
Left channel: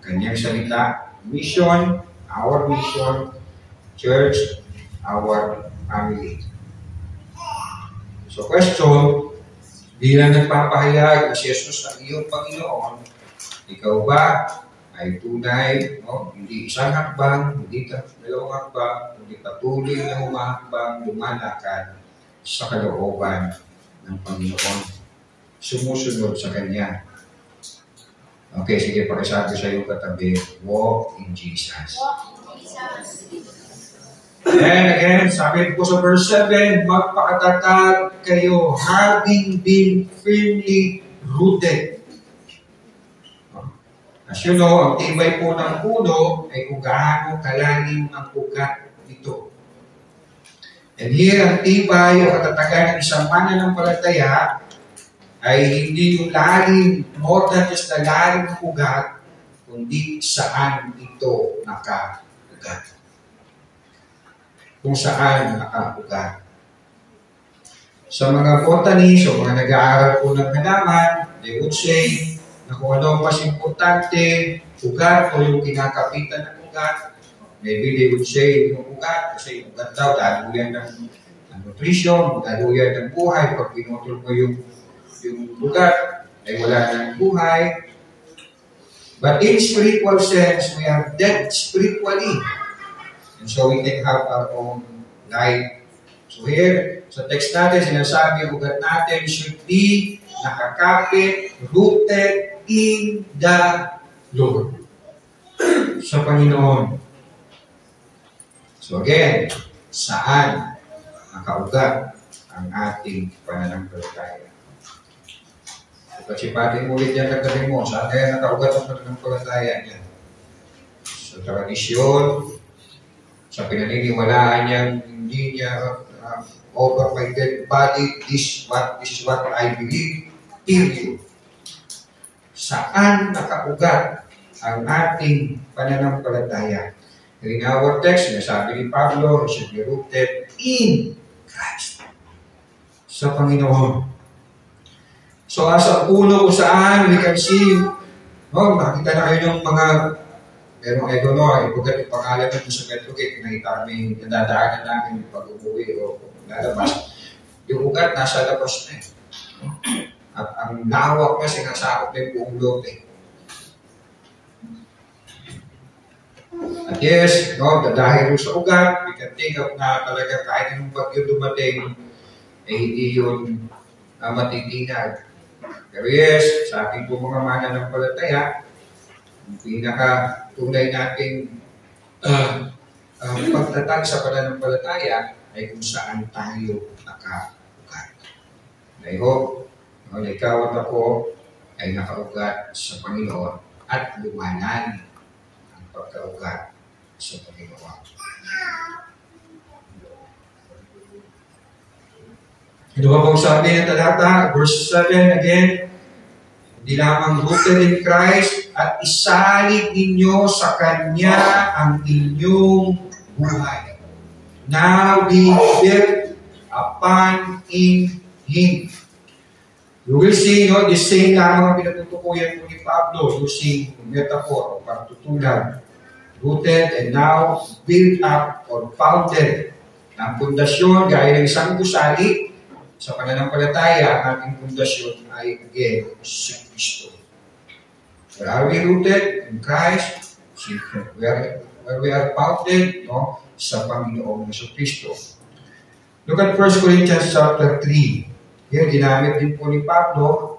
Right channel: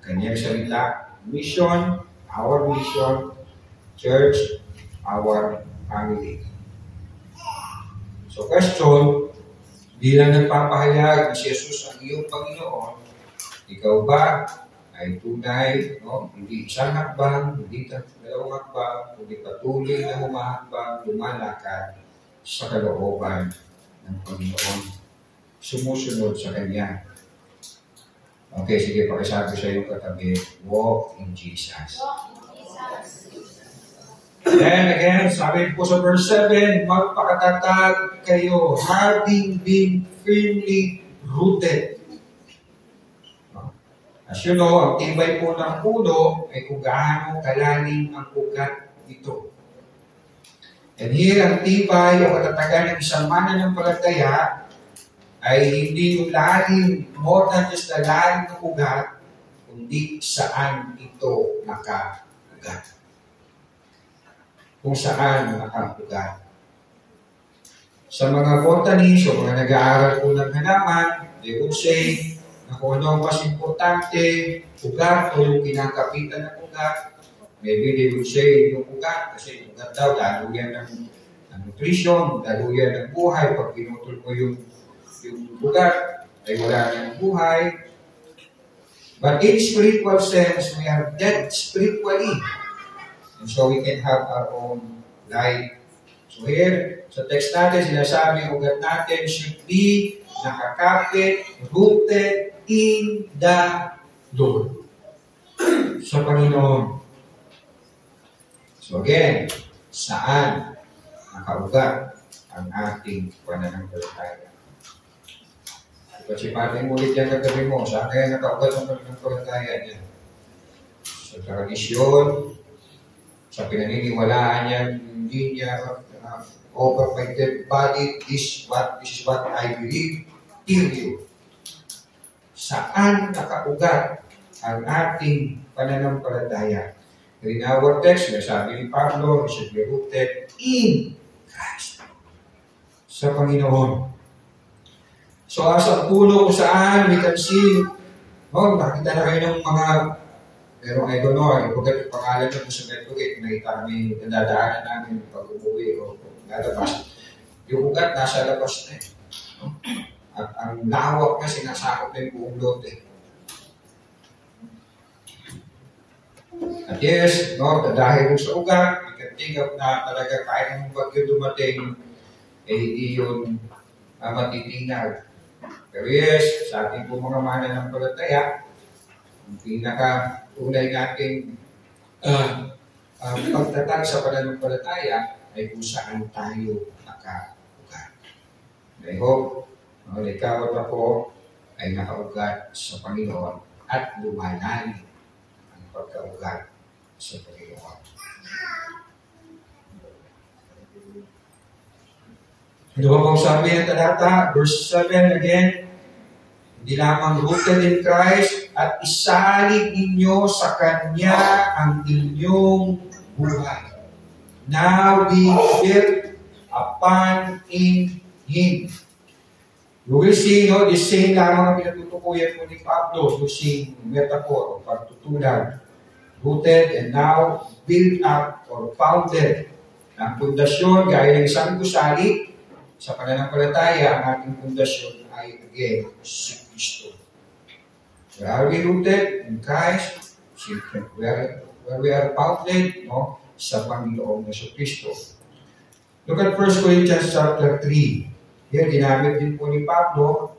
Kanyang salita. Mission, our mission. church, our family. So question, bilang nagpapahayag na si Jesus ang iyong Panginoon, ikaw ba ay tunay, hindi isang hakbang, hindi dalawang hakbang, hindi patuloy na humahakbang, lumalakad sa kalooban ng Panginoon. Sumusunod sa Kanya. Okay, sige, pakisabi sa iyo katabi, walk in Jesus. And again, sabi po sa verse 7, magpakatatag kayo, having been firmly rooted. As you know, ang tibay po ng puno ay kung gaano kalalim ang ugat nito. And here, ang tibay o katatagan ng isang mananampalataya ay hindi yung lalim, more than just the lalim ng ugat, kundi saan ito nakaugat. Kung saan nakaugat. Sa mga botanists o mga nag-aaral po ng halaman, they would say, na kung ano ang mas importante, ugat o yung kinakapitan ng ugat. Maybe they would say yung ugat, kasi yung ugat daw, daluyan ng nutrition, daluyan ng buhay. Pag pinutol mo yung ugat, ay wala ng buhay. But in spiritual sense, we are dead spiritually. And so we can have our own life. So here, sa text natin, sinasabi yung ugat natin should be nakakapit, rooted in the Lord. Sa Panginoon. So again, saan nakaugat ang ating pananampalataya? Pagsipatin mo ulit yan katabi mo, saan kaya nakaugat ang pananampalataya niya? Sa tradisyon, sa pinaniniwalaan niyang hindi niya over my dead body, this is what I believe, period. Saan nakaugat ang ating pananampalataya? In our text, sinasabi ni Pablo, it should be rooted in Christ. Sa Panginoon. So, as a puno kung saan we can see, nakita na kayo ng mga, pero I don't know, ibugat yung pangalan na sa Metro Gate, nakita kami, nadadaanan namin pag umuwi o lalabas. Yung ugat, nasa labas na eh. At ang lawak niya, sinasakop na yung buong lote. At yes, dahil sa ugat, we can think of na talaga kahit anong bagyo dumating, hindi yun matitinag. Pero yes, sa ating po mga mananampalataya, ang pinaka-tunay nating pagtatag sa pananampalataya ay kung saan tayo nakaugat. I hope na ikaw at ako ay nakaugat sa Panginoon at lumalalim ang pagkaugat sa Panginoon. Ano ba pong sabi ng talata? Verse 7 again, hindi lamang rooted in Christ at isalig ninyo sa Kanya ang inyong buhay. Now be built upon in Him. You will see, the same lamang pinatutukuyan po ni Pablo using metaphor o pagtutulan. Rooted and now built up or founded. Ang pundasyon, gaya ng isang gusali, sa pananampalataya, ang ating pundasyon ay again, si Kristo. Where are we rooted? In Christ. Where we are founded, sa Panginoong Yesu Kristo. Look at 1 Corinthians chapter 3. Here, ginamit din po ni Pablo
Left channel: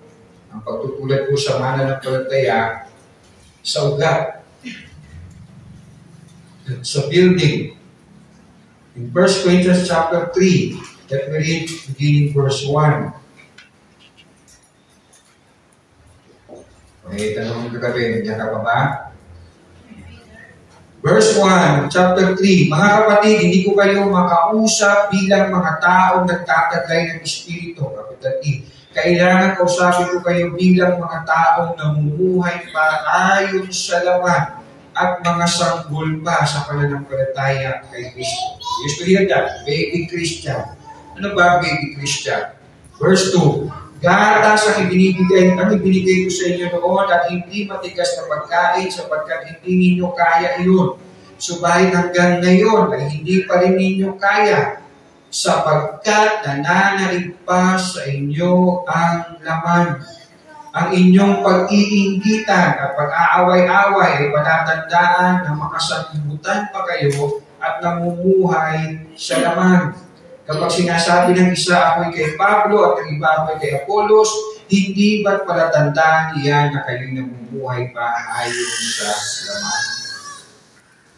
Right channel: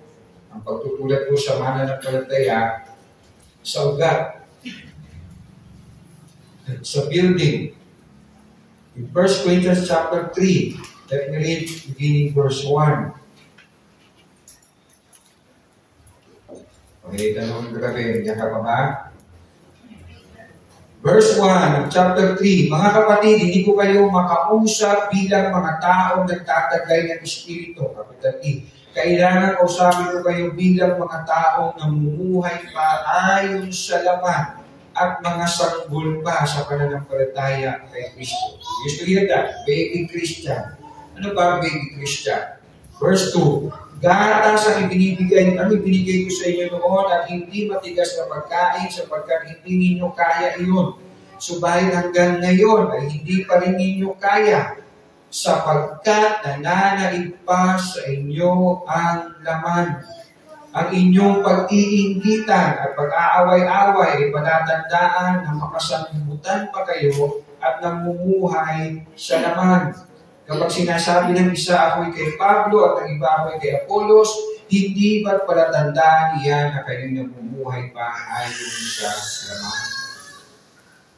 ang pagtutulad po sa mananampalataya sa ugat, sa building. In 1 Corinthians chapter 3, let me read beginning verse 1. May tanong kagabi, niya ka pa ba? Verse 1, chapter 3, mga kapatid, hindi ko kayo makausap bilang mga taong nagtataglay ng Espiritu. Kapitan E, kailangan kausapin ko kayo bilang mga taong namumuhay pa ayon sa laman at mga sanggol pa sa pananampalataya kay Kristo. You used to hear that, baby Christian. Ano ba baby Christian? Verse 2, gatas ang ibinigay ko sa inyo noon at hindi matigas na pagkain sapagkat hindi ninyo kaya iyon. subalit hanggang ngayon ay hindi pa rin ninyo kaya, sapagkat nananaig pa sa inyo ang laman. Ang inyong pag-iinggitan at pag-aaway-away ay palatandaan na makasanlibutan pa kayo at namumuhay sa laman. Kapag sinasabi ng isa, ako'y kay Pablo, at ng iba, ako'y kay Apollos, hindi ba't palatandaan iyan na kayo'y namumuhay pa ayon sa laman?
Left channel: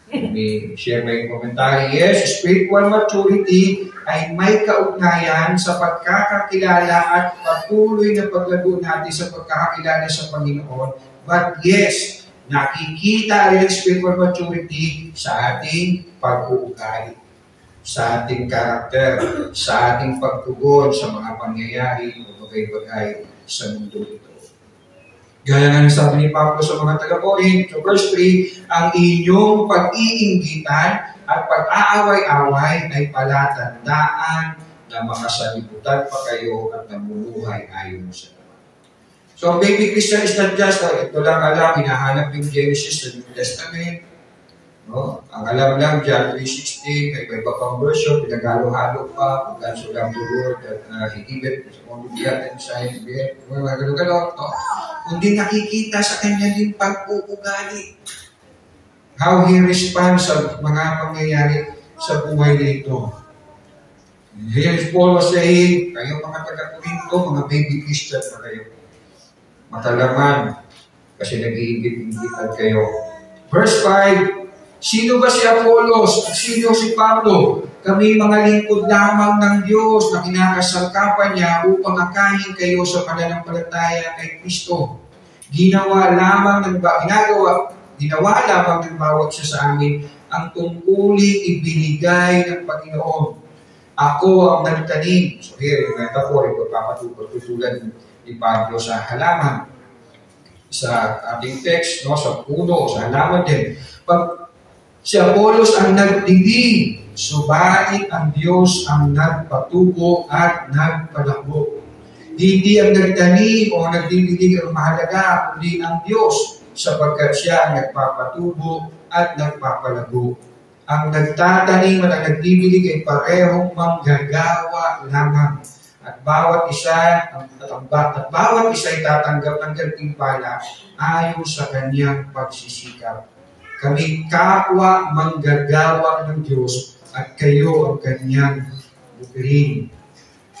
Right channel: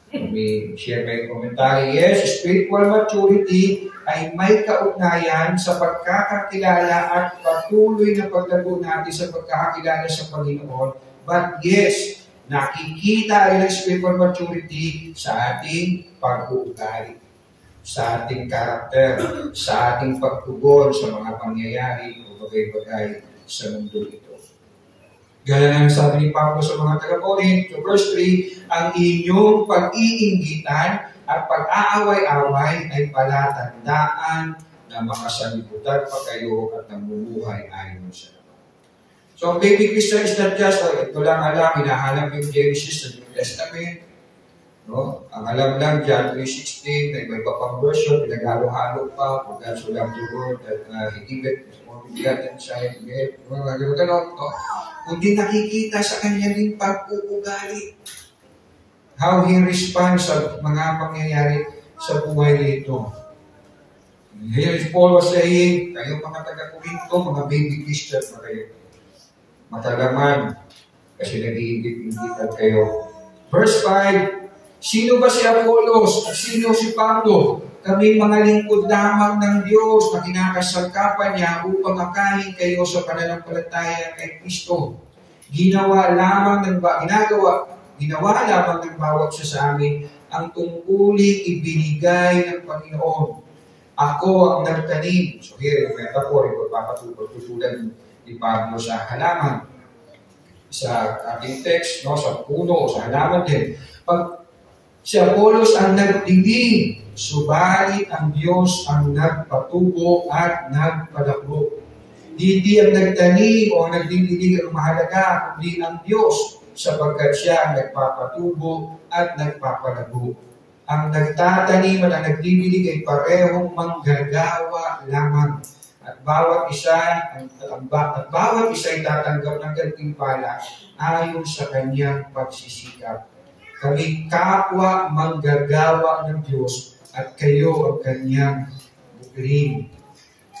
May share may komentary. Yes, spiritual maturity ay may kaugnayan sa pagkakakilala at patuloy na paglago natin sa pagkakakilala sa Panginoon. But yes, nakikita rin ang spiritual maturity sa ating pag-uugali, sa ating karakter, sa ating pagtugon sa mga pangyayari o bagay-bagay sa mundo ito. Gaya nga sabi ni Pablo sa mga taga-Corinth, sa verse 3, ang inyong pag-iinggitan at pag-aaway-away ay palatandaan na makasalibutan pa kayo at namumuhay ayon sa laman. So, baby Christian is not just, ito lang alam, hinahanap yung Genesis sa New Testament. No? Ang alam lang, John 3:16, kay iba pang version, pinagalo-halo pa, kung ganso lang the word, that he give it, only begotten Son, mga gano'n-gano'n. Kundi nakikita sa kanya din pag-uugali. How he responds sa mga pangyayari sa buhay nito. Here is Paul saying, kayo mga taga-Corinto, mga baby Christian na kayo. Matalaman, kasi nag-iingit-ingitan kayo. Verse 5, sino ba si Apollos at sino si Pablo? Kami mga lingkod lamang ng Diyos na kinakasangkapan niya upang akayin kayo sa pananampalataya kay Kristo. Ginawa lamang ng bawat siya sa amin ang tungkuling ibinigay ng Panginoon. Ako ang nagtanim. So here, yung metaphor, ipapatutulan ni Pablo sa halaman. Sa ating text, no, sa puno, sa halaman din. Pag si Apollos ang nagdilig, subalit ang Diyos ang nagpatubo at nagpadakbo. Hindi ang nagtanim o nagdidilig ang mahalaga, kundi ang Diyos, sapagkat siya ang nagpapatubo at nagpapalago. Ang nagtatanim at ang nagdidilig ay parehong manggagawa lamang. At bawat isa ay tatanggap ng gantimpala ayon sa kanyang pagsisikap. Kami kapwa manggagawa ng Diyos at kayo ang kanyang bukirin.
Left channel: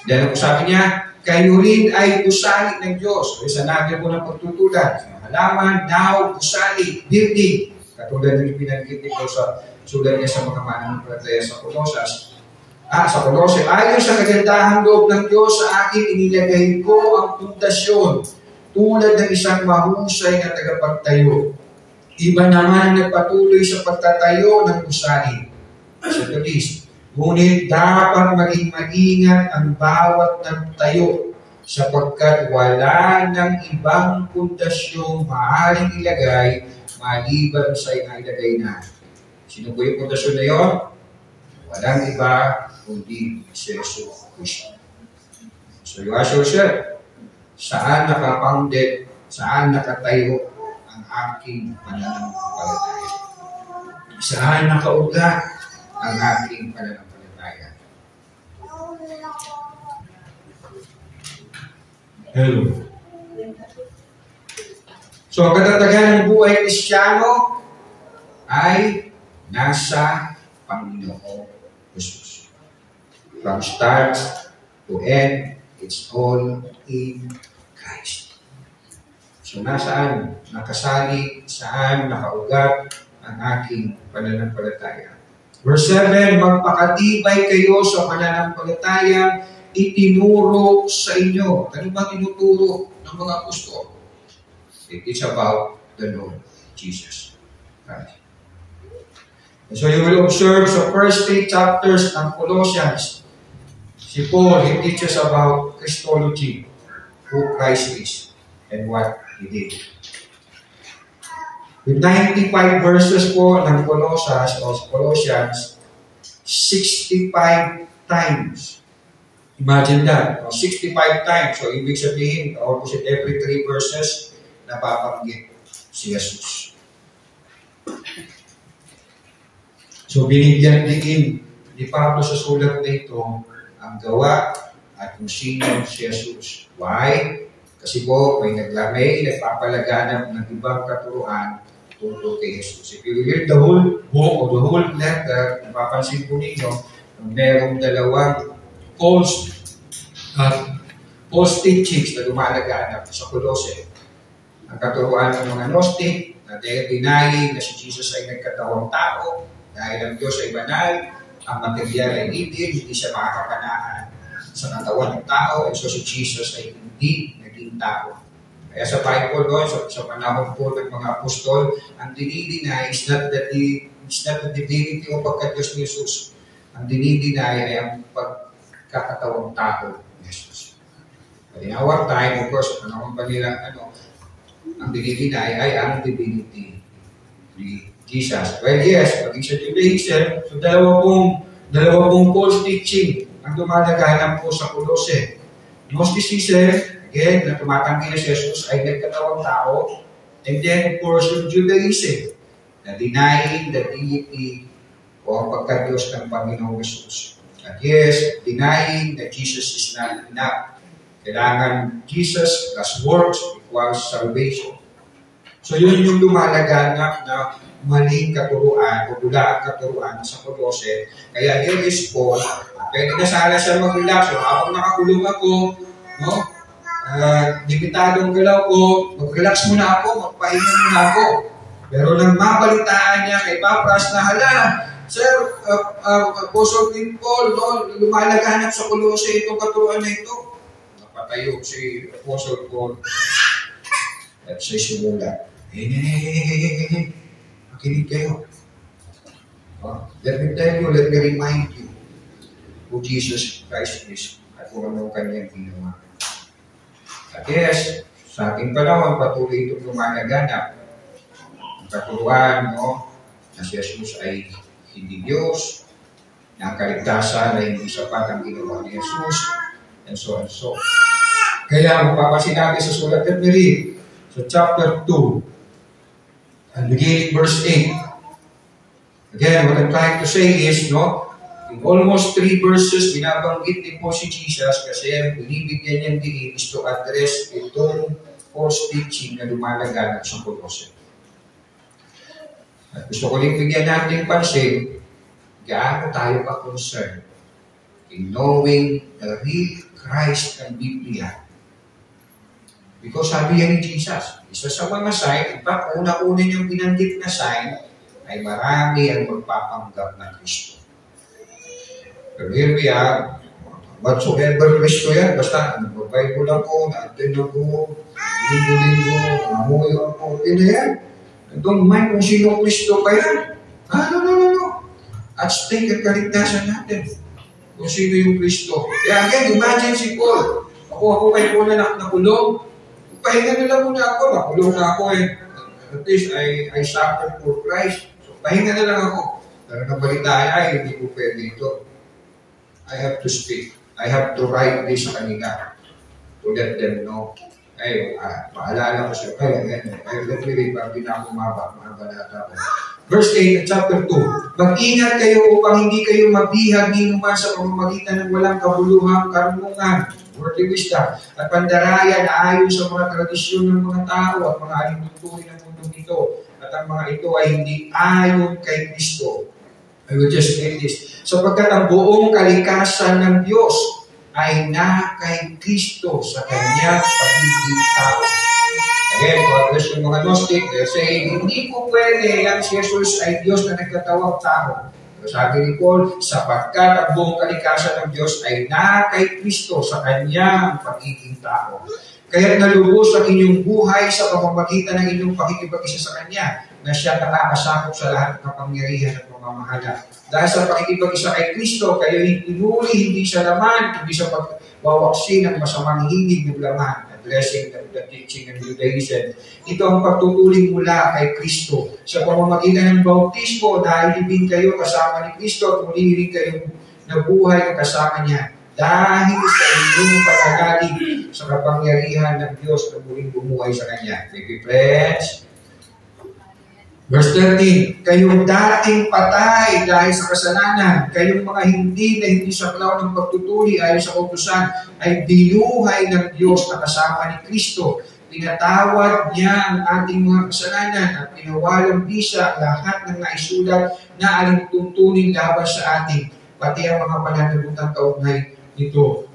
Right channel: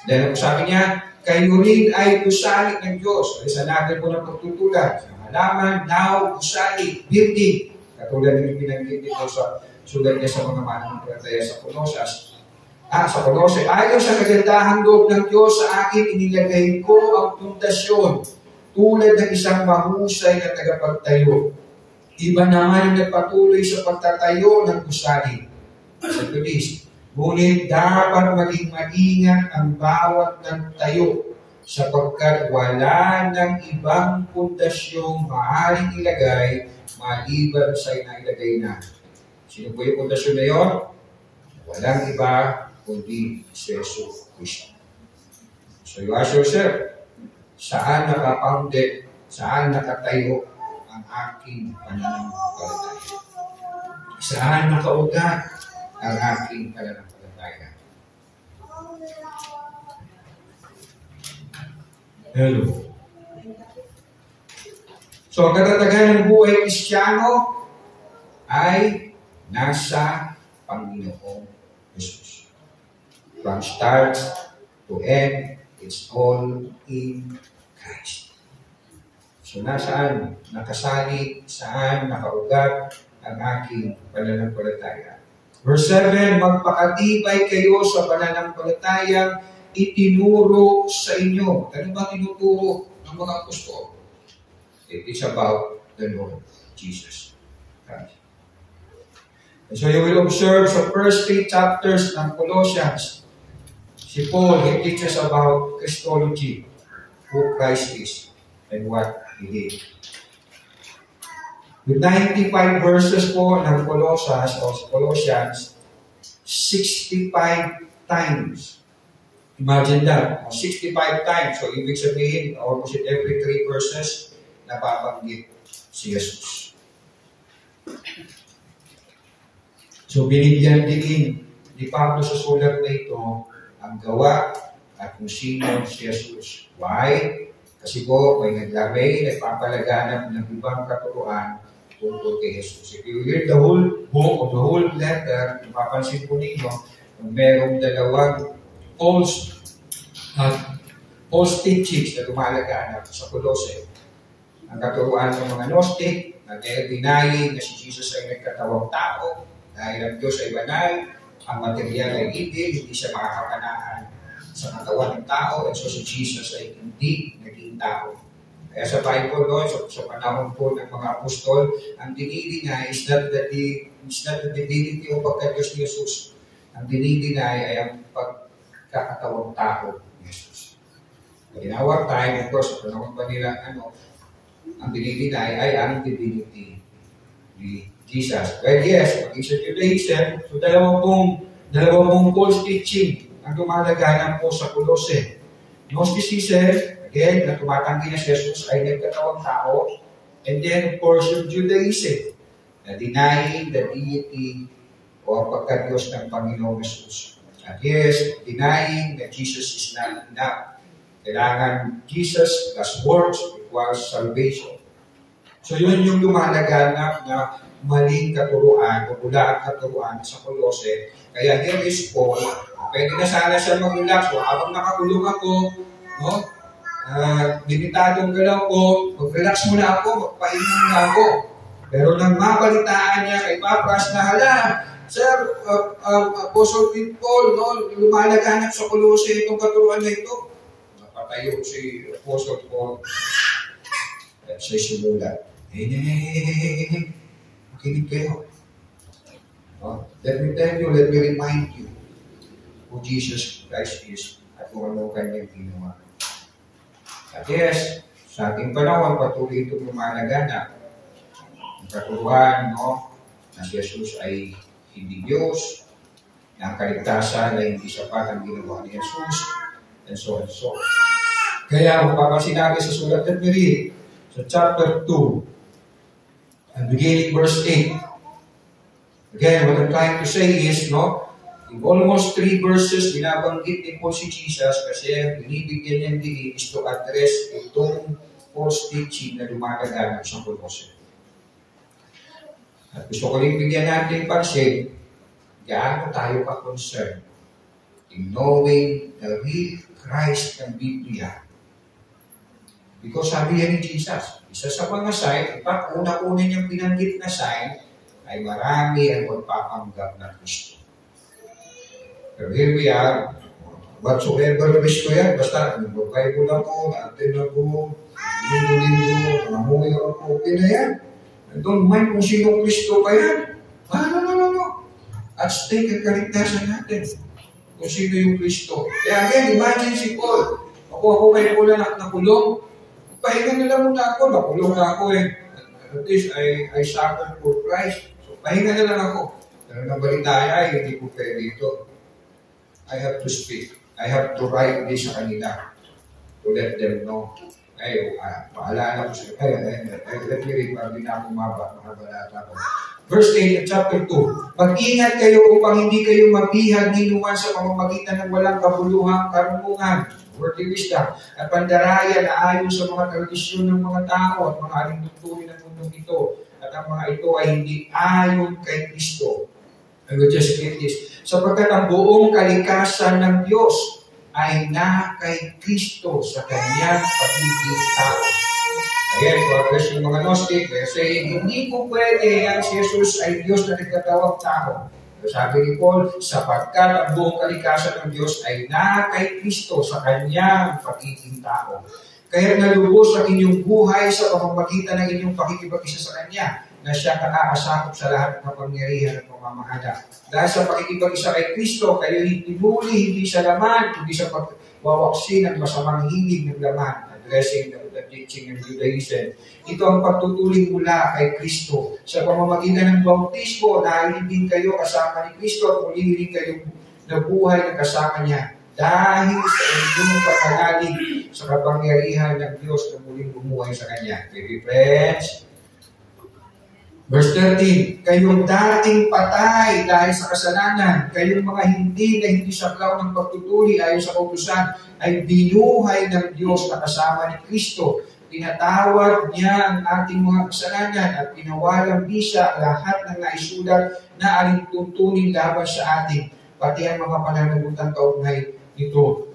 Dahil ako sabi niya, kayo rin ay gusali ng Diyos. Sa natin po ng pagtutulad, halaman, now, gusali, building. Katulad ng pinanggit nito sa sulat niya sa mga mananampalataya sa Colosas. Sa Colossae, ayon sa kagandahang loob ng Diyos, sa akin inilagay ko ang pundasyon tulad ng isang mahusay na tagapagtayo. Iba naman nagpatuloy sa pagtatayo ng gusali. Sa tulis, ngunit dapat maging maingat ang bawat nagtayo sapagkat wala ng ibang pundasyong maaaring ilagay maliban sa inailagay na. Sino po yung pundasyon na yun? Walang iba kundi si Jesus Cristo. So you ask yourself, saan nakapounded, saan nakatayo ang aking pananampalataya? Saan nakauga ang aking pananampalataya? Hello. So, ang katatagan ng buhay Kristiyano ay nasa Panginoong Jesus. From start to end, it's all in Christ. So, nasaan? Nakasali, saan nakaugat ang aking pananampalataya. Verse 7, magpakatibay kayo sa pananampalataya itinuro sa inyo. Ano ba tinuturo ng mga apostol? It is about the Lord Jesus Christ. And so you will observe sa first 3 chapters ng Colossians, si Paul, he teaches about Christology, who Christ is, and what He did. With 95 verses po ng Colossians, 65 times. Imagine that. 65 times. So, ibig sabihin, almost every 3 verses, napapanggit si Jesus. So binigyan din ni Pablo sa sulat na ito ang gawa at kung sino si Jesus. Why? Kasi po may nagpapalaganap ng ibang katuruan tungkol kay Jesus. If you read the whole book or the whole letter, napapansin po ninyo, merong dalawang false teachings na lumalaganap sa Colossae. Ang katuruan ng mga Gnostic na denying na si Jesus ay nagkatawang tao dahil ang Diyos ay banal, ang material ay hindi siya makakapanaan sa katawan ng tao, and so si Jesus ay hindi naging tao. Kaya sa Bible, no, sa panahon po ng mga apostol, ang dinideny is not the divinity o pagka-Diyos ni Jesus. Ang dinideny ay ang pagkakatawang tao ni Jesus. But in our time, of course, sa panahon pa nila, ang dinideny ay ang divinity ni Jesus. Well, yes, maging sa Judaism, so dalawa pong false teaching ang dumadaganap po sa Colossae. Gnosticism, again, na tumatanggi na si Jesus ay nagkatawang tao. And then, of course, yung Judaism, na denying the deity o pagka-Diyos ng Panginoong Jesus. At yes, denying that Jesus is not enough. Kailangan Jesus plus works equals salvation. So yun yung lumalaganap na maling katuruan o bulaang katuruan sa Colossae. Kaya here is Paul, pwede na sana siya mag-relax. So habang nakakulong ako, no? Limitadong galaw ko, mag-relax muna ako, magpahinga muna ako. Pero nang mabalitaan niya kay Papras na hala, Sir, Apostle Paul, no, lumalaganap sa Colossae itong katuruan na ito. Napatayo si Apostle Paul at siya simula. Makinig kayo. Let me tell you, let me remind you who Jesus Christ is at kung ano kanyang ginawa. At yes, sa ating panahon, patuloy itong lumalaganap. Ang katuruan, no, na si Jesus ay hindi Diyos, na ang kaligtasan ay hindi sapat ang ginawa ni Jesus, and so and so. Kaya mapapansin natin sa sulat ng Mary, sa chapter 2, and beginning verse 8. Again, what I'm trying to say is, no, in almost 3 verses, binabanggit din po si Jesus kasi ang binibigyan niyang diin is to address itong false teaching na lumalaganap sa Colossae. At gusto ko rin bigyan natin pansin, gaano tayo ka-concerned in knowing the real Christ ng Biblia. Because sabi yan ni Jesus, isa sa mga sign, in fact, una-una niyang binanggit na sign, ay marami ang magpapanggap na Kristo. Pero here we are, whatsoever Kristo yan, basta nag-Bible ako, na-attend ako, linggo-linggo, namuhay ako, okay na yan. I don't mind kung sino Kristo pa yan. No. At stake ang kaligtasan natin kung sino yung Kristo. Kaya again, imagine si Paul. Ako kay Paul na nakulong. Pahinga na lang muna ako. Nakulong na ako eh. At least I suffered for Christ. So pahinga na lang ako. Pero nabalitaan ay hindi ko pwede ito. I have to speak. I have to write this sa kanila to let them know. Ay, paalala ko siya. Let me read pag di na ako mabalata ko. Verse 8, chapter 2. Mag-ingat kayo upang hindi kayo mabihag ninuman sa pamamagitan ng walang kabuluhang karunungan, worldly wisdom, at pandaraya na ayon sa mga tradisyon ng mga tao at mga alintuntunin ng mundong ito. At ang mga ito ay hindi ayon kay Kristo. I will just read this. Sapagkat ang buong kalikasan ng Diyos ay na kay Kristo sa kanyang pagiging tao. Again, kung address yung mga Gnostic, they're saying, hindi po pwede ang si Jesus ay Diyos na nagkatawang tao. Pero sabi ni Paul, sapagkat ang buong kalikasan ng Diyos ay na kay Kristo sa kanyang pagiging tao. Kaya nalubos ang inyong buhay sa pamamagitan ng inyong pakikipag-isa sa Kanya, na siya nakakasakop sa lahat ng kapangyarihan at pamamahala. Dahil sa pakikipag-isa kay Kristo, kayo pinuli hindi sa laman, hindi sa pagwawaksin ng masamang hilig ng laman, addressing the teaching ng Judaism. Ito ang pagtutuling mula kay Kristo. Sa pamamagitan ng bautismo, dahil ibig kayo kasama ni Kristo at muli rin kayong nabuhay na kasama niya. Dahil sa inyong pagkagaling sa kapangyarihan ng Diyos na muling bumuhay sa Kanya. Baby friends, Verse 13, kayong dating patay dahil sa kasalanan, kayong mga hindi saklaw ng pagtutuli ayon sa kautusan, ay binuhay ng Diyos na kasama ni Kristo. Pinatawad niya ang ating mga kasalanan at pinawalang bisa lahat ng naisulat na alintuntunin laban sa atin, pati ang mga pananagutan kaugnay nito.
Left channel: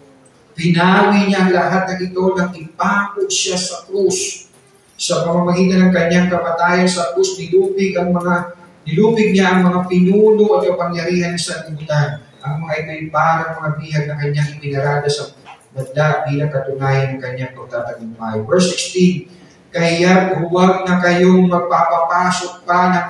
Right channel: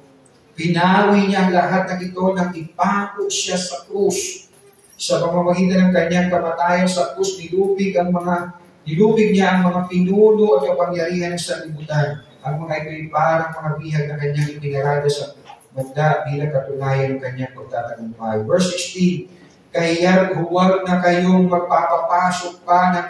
Pinawi niya ang lahat ng ito nang ipako siya sa krus. Sa pamamagitan ng kanyang kapatayan sa krus, nilubig niya ang mga pinuno at kapangyarihan sa sanlibutan. Ang mga ito ay parang mga bihag na kanyang ipinarada sa banda bilang katunayan ng kanyang pagtatagumpay. Verse 16, kaya huwag na kayong magpapapasok pa ng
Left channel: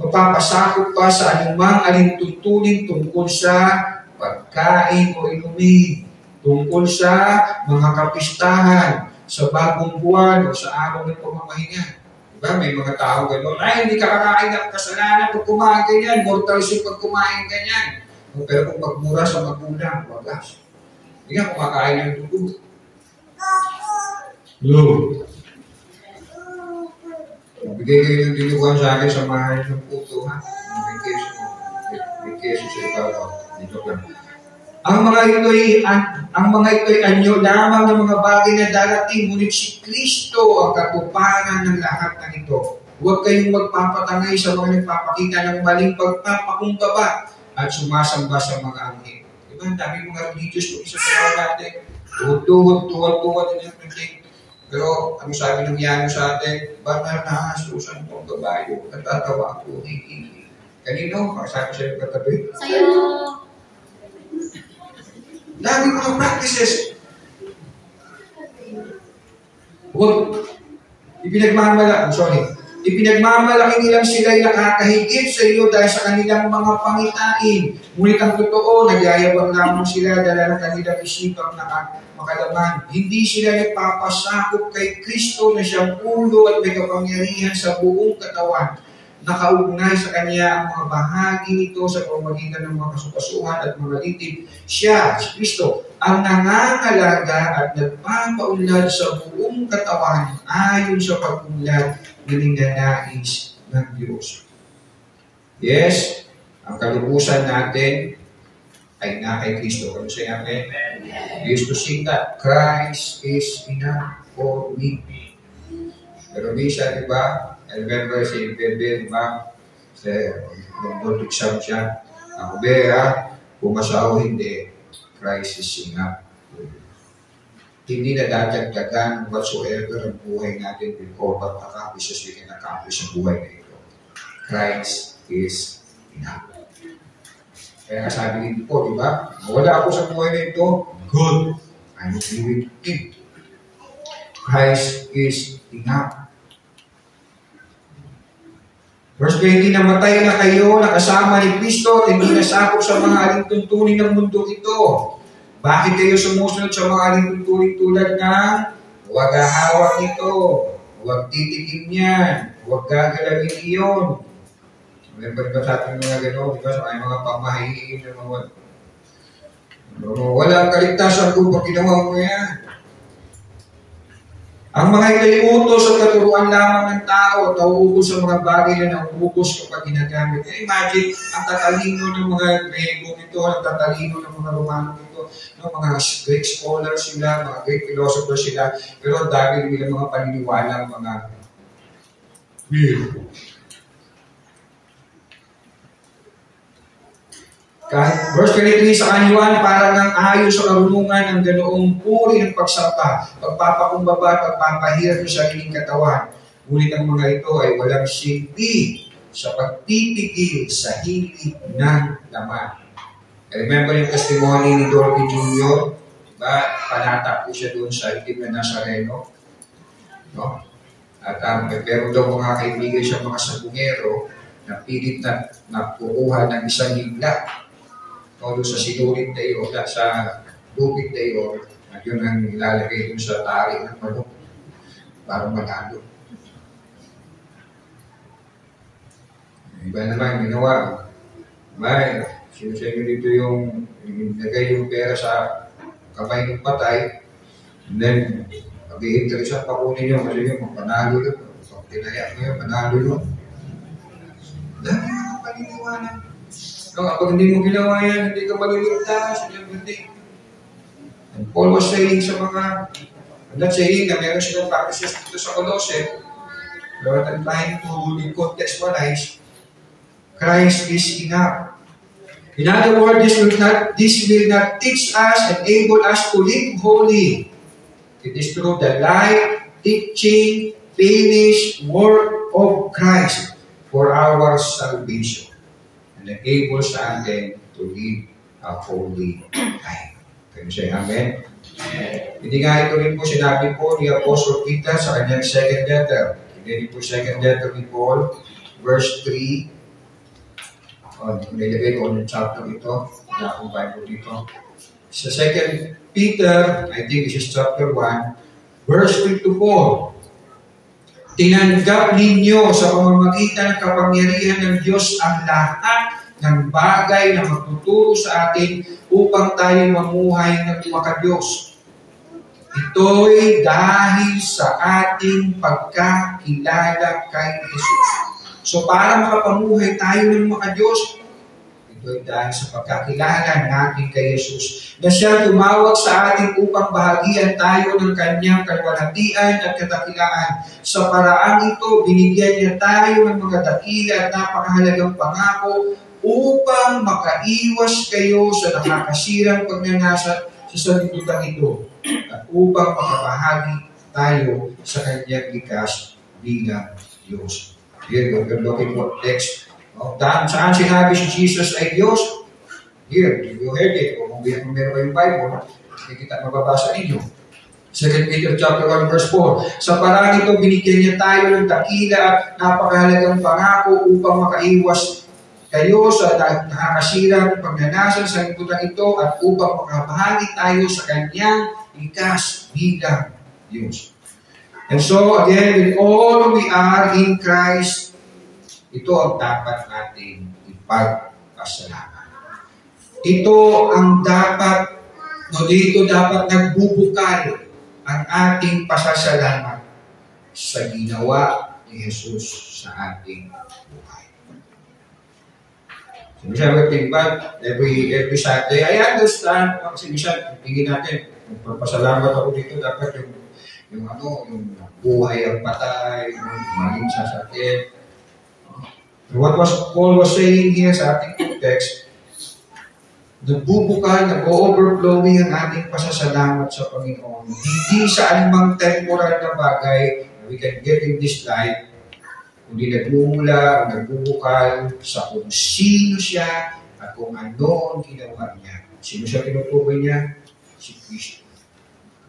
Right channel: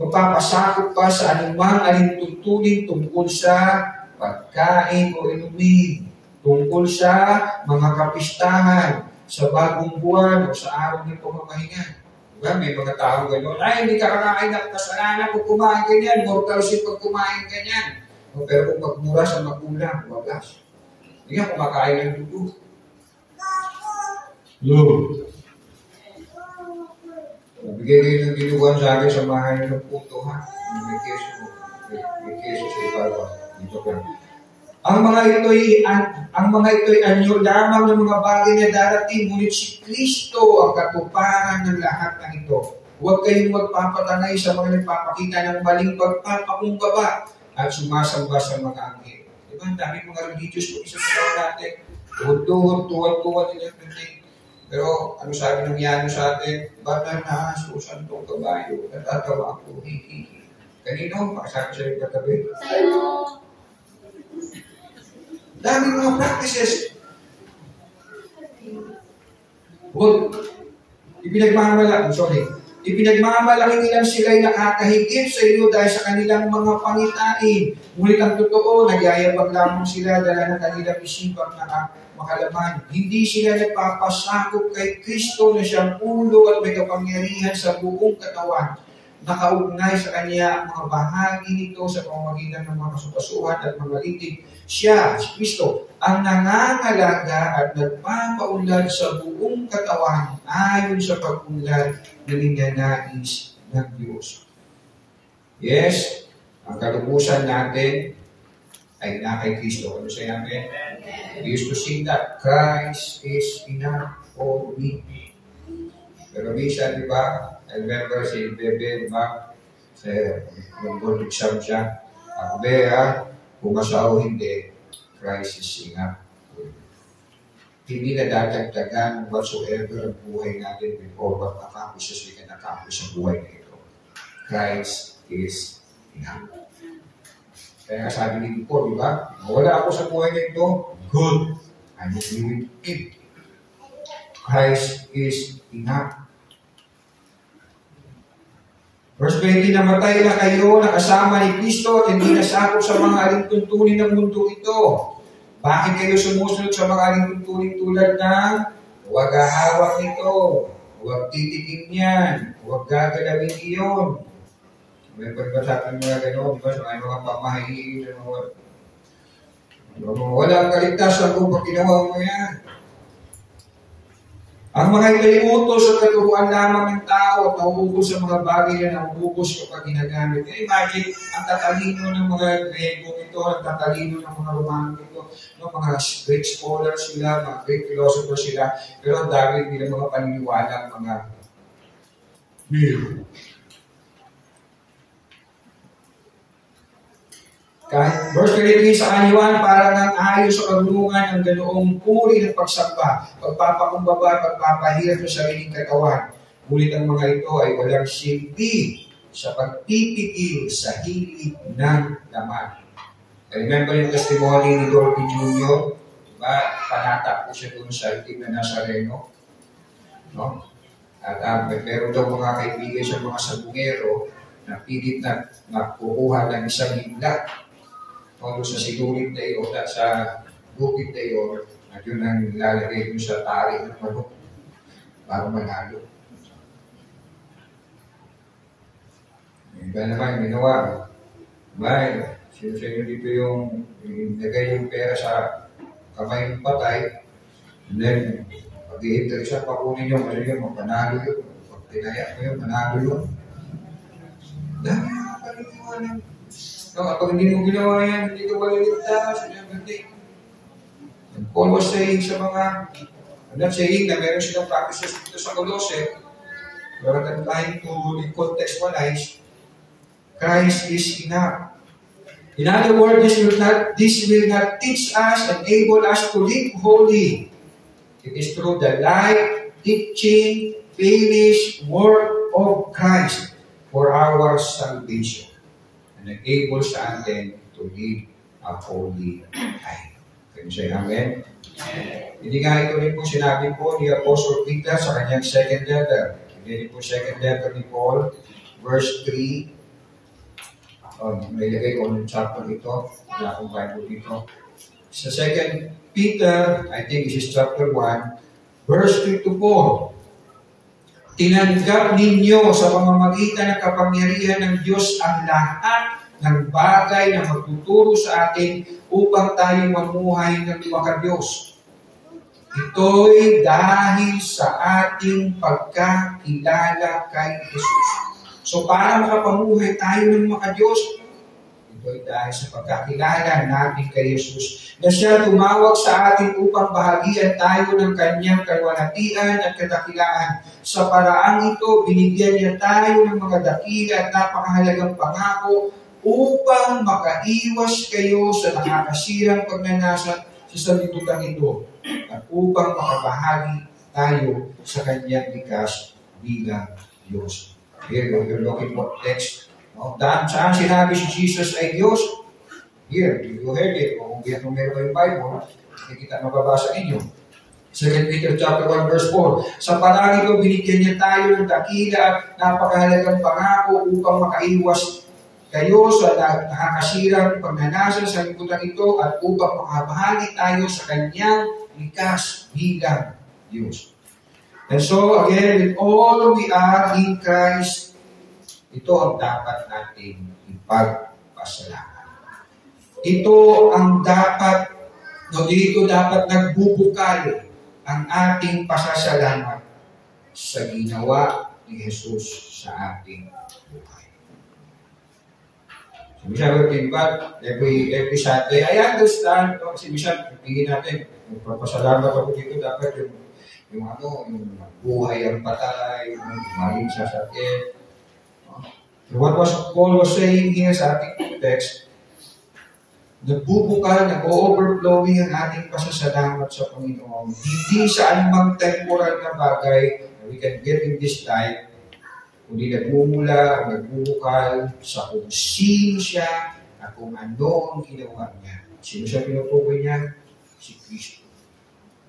magpapasakop pa sa anumang alintuntunin tungkol sa pagkain o inumin, tungkol sa mga kapistahan, sa bagong buwan o sa araw ng pamamahinga. Diba? May mga taong gano'n, ay hindi ka kakain ng kasalanan pag kumain ganyan, mortal sin pag kumain ganyan. Pero kung magmura sa magulang, wagas. Hindi nga kumakain ng dugo. Lord, bigay kayo ng dinuguan sa akin, samahan ng puto, ha? May keso sa ibabaw. Dito ka. Ang mga ito'y anyo lamang ng mga bagay na darating, ngunit si Kristo ang katuparan ng lahat ng ito. Huwag kayong magpapatangay sa mga nagpapakita ng maling pagpapakumbaba at sumasamba sa mga anghel. Diba? Ang dami mga religious kung isa sa natin. Tuhod, din ang pero ano sabi ng yano sa atin? Bakit nakasusan itong kabayo? Natatawa ako. Kanino? Sabi sa yung katabi? Sa'yo. Dami mga practices. Huwag. Ipinagmamalaki nilang sila'y nakakahigit sa iyo dahil sa kanilang mga pangitain. Ngunit ang totoo, nagyayabang lamang sila dahil ng kanilang isipang makalaman. Hindi sila nagpapasakop kay Kristo na siyang ulo at may kapangyarihan sa buong katawan. Nakaugnay sa kanya ang mga bahagi nito sa pamamagitan ng mga kasukasuhan at mga litig. Siya, si Kristo, ang nangangalaga at nagpapaunlad sa buong katawan ayon sa pag-unlad na ninanais ng Diyos. Yes, ang kalubusan natin ay na kay Kristo. Ano siya namin? We used to sing that Christ is enough for me. Pero minsan, di ba? I remember si Bebe, diba? Nag-exam siya. Ako, Bea, pumasaw hindi, Christ is enough. Hindi na dadagdagan whatsoever ang buhay natin before what accomplishes we can accomplish sa buhay na ito. Christ is enough. Kaya sabi din po, di ba? Wala ako sa buhay na ito, good. I'm okay with it. Christ is enough. Verse 20, namatay na kayo, nakasama ni Kristo at hindi nasakop sa mga alintuntunin ng mundo ito. Bakit kayo sumusunod sa mga alintuntunin tulad ng huwag hahawak nito, huwag titikim yan, huwag gagalawin iyon. Remember ba sa ating mga gano'n? Diba sa mga pamahiin ng mga walang kaligtasan ko pag ginawa mo yan. Ang mga ikalimutos at katuruan lamang ng tao at nauubos sa mga bagay na nauubos kapag ginagamit. Imagine, ang tatalino ng mga Grego ito, ang tatalino ng mga Romano ito, mga Greek scholars sila, mga Greek philosophers sila, pero ang dami nila mga paniniwala, mga weird. Verse 23, sa kanyuan, para ng ayon sa karunungan ng ganoong puri ng pagsamba, pagpapakumbaba at pagpapahirap sa sariling katawan. Ngunit ang mga ito ay walang silbi sa pagpipigil sa hilig ng laman. Remember yung testimony ni Dorothy Jr.? Diba? Panata po siya doon sa itim na Nazareno. No? At meron daw mga kaibigan siya, mga sabungero, na pilit na kukuha ng isang higla. O sa sinulit na iyo, sa lupit na iyo, at yun ang ilalagay doon sa tari ng manok para manalo. Iba naman ginawa. Sinusenyo dito yung nagay yung pera sa kamay ng patay, and then pag-iinteresan pa kunin yung kasi yung magpanalo yun, tinaya ko yun, manalo yun. Dami na paniniwanan. No, kapag hindi mo ginawa yan, hindi ka maliligtas. And Paul was saying sa mga, I'm not saying na meron silang practices dito sa Colossae, but I'm trying to contextualize, Christ is enough. In other words, this will not teach us and enable us to live holy. It is through the life, teaching, finished work of Christ for our salvation. And enables natin to live a holy life. Can you say amen? Hindi nga ito rin po sinabi po ni Apostle Peter sa kanyang second letter. Hindi po second letter ni Paul, verse 3. Nilagay ko ng chapter ito. Wala akong Bible dito. Sa 2 Peter, I think this is chapter 1, verse 3 to 4. Tinanggap ninyo sa pamamagitan ng kapangyarihan ng Diyos ang lahat ng bagay na magtuturo sa atin upang tayo mamuhay ng makadiyos. Ito'y dahil sa ating pagkakilala kay Jesus. So para makapamuhay tayo ng makadiyos, ito'y dahil sa pagkakilala natin kay Jesus na siya tumawag sa atin upang bahagian tayo ng kanyang kalwalhatian at kadakilaan. Sa paraang ito, binigyan niya tayo ng mga dakila at napakahalagang pangako upang makaiwas kayo sa nakakasirang pagnanasa sa sanlibutan ito at upang makabahagi tayo sa kanyang likas bilang Diyos. Here, we're looking for text. Saan sinabi si Jesus ay Diyos? Here, you heard it. Kung meron kayong Bible, kita mababasa ninyo. 2 Peter chapter 1 verse 4. Sa parang ito, binigyan niya tayo ng dakila at napakahalagang pangako upang makaiwas kayo sa nakakasirang pagnanasa sa libutan ito at upang makabahagi tayo sa kanyang likas bilang Diyos. And so, again, with all we are in Christ, ito ang dapat natin ipagpasalamat. Ito ang dapat, dito dapat nagbubukal ang ating pasasalamat sa ginawa ni Jesus sa ating buhay. So, Michelle, every Saturday, I understand, si Michelle, tingin natin, magpapasalamat ako dito, dapat yung buhay ang patay, yung maling sasakit. What Paul was saying here sa ating text, nagbubukal, nag-overflowing ang ating pasasalamat sa Panginoon. Hindi sa anumang temporal na bagay na we can get in this life, kundi nagmumula o nagbubukal sa kung sino siya at kung ano ang ginawa niya. Sino siya tinutukoy niya? Si Kristo.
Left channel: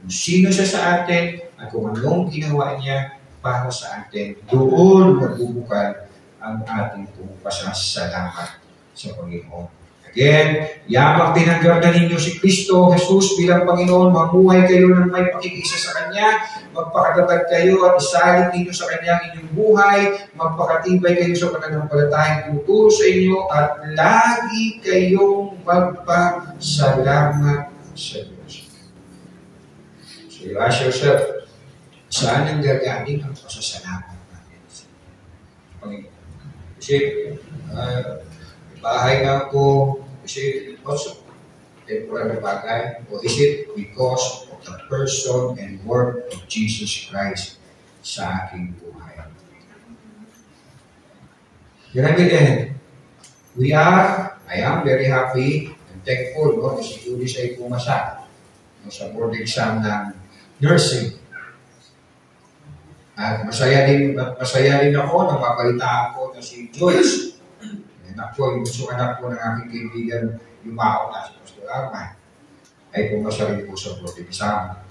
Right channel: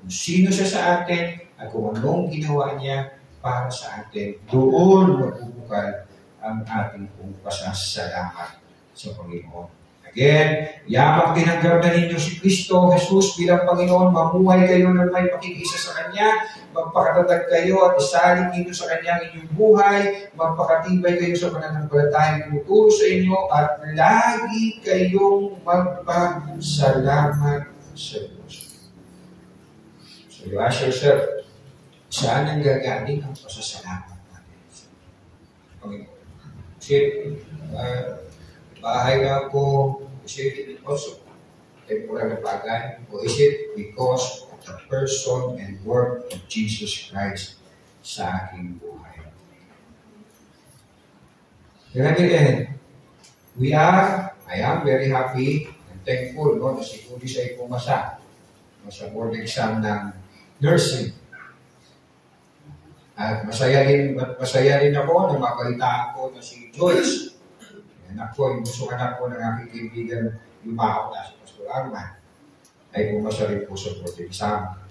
Kung sino siya sa atin at kung anong ginawa niya para sa atin, doon magbubukal ang ating pasasalamat sa Panginoon. Again, yamang tinanggap na ninyo si Kristo, Jesus bilang Panginoon, mamuhay kayo ng may pakikisa sa Kanya, magpakatatag kayo at isalit ninyo sa Kanya inyong buhay, magpakatibay kayo sa pananampalatayang tuturo sa inyo at lagi kayong magpasalamat sa Diyos. So you ask yourself, saan ang gagaling ang pasasalamat natin sa Panginoon? Kasi, bahay nga ako, kasi also, temporary bagay, o is it because of the person and work of Jesus Christ sa aking buhay? Yan again, I am very happy and thankful, no, na si Judy siya pumasa sa board exam ng nursing. At masaya din ako na mabalita ako na si Joyce. Anak ko, yung gusto anak ko ng aking kaibigan, yung mao na si Pastor Arman, ay pumasa rin po sa board exam.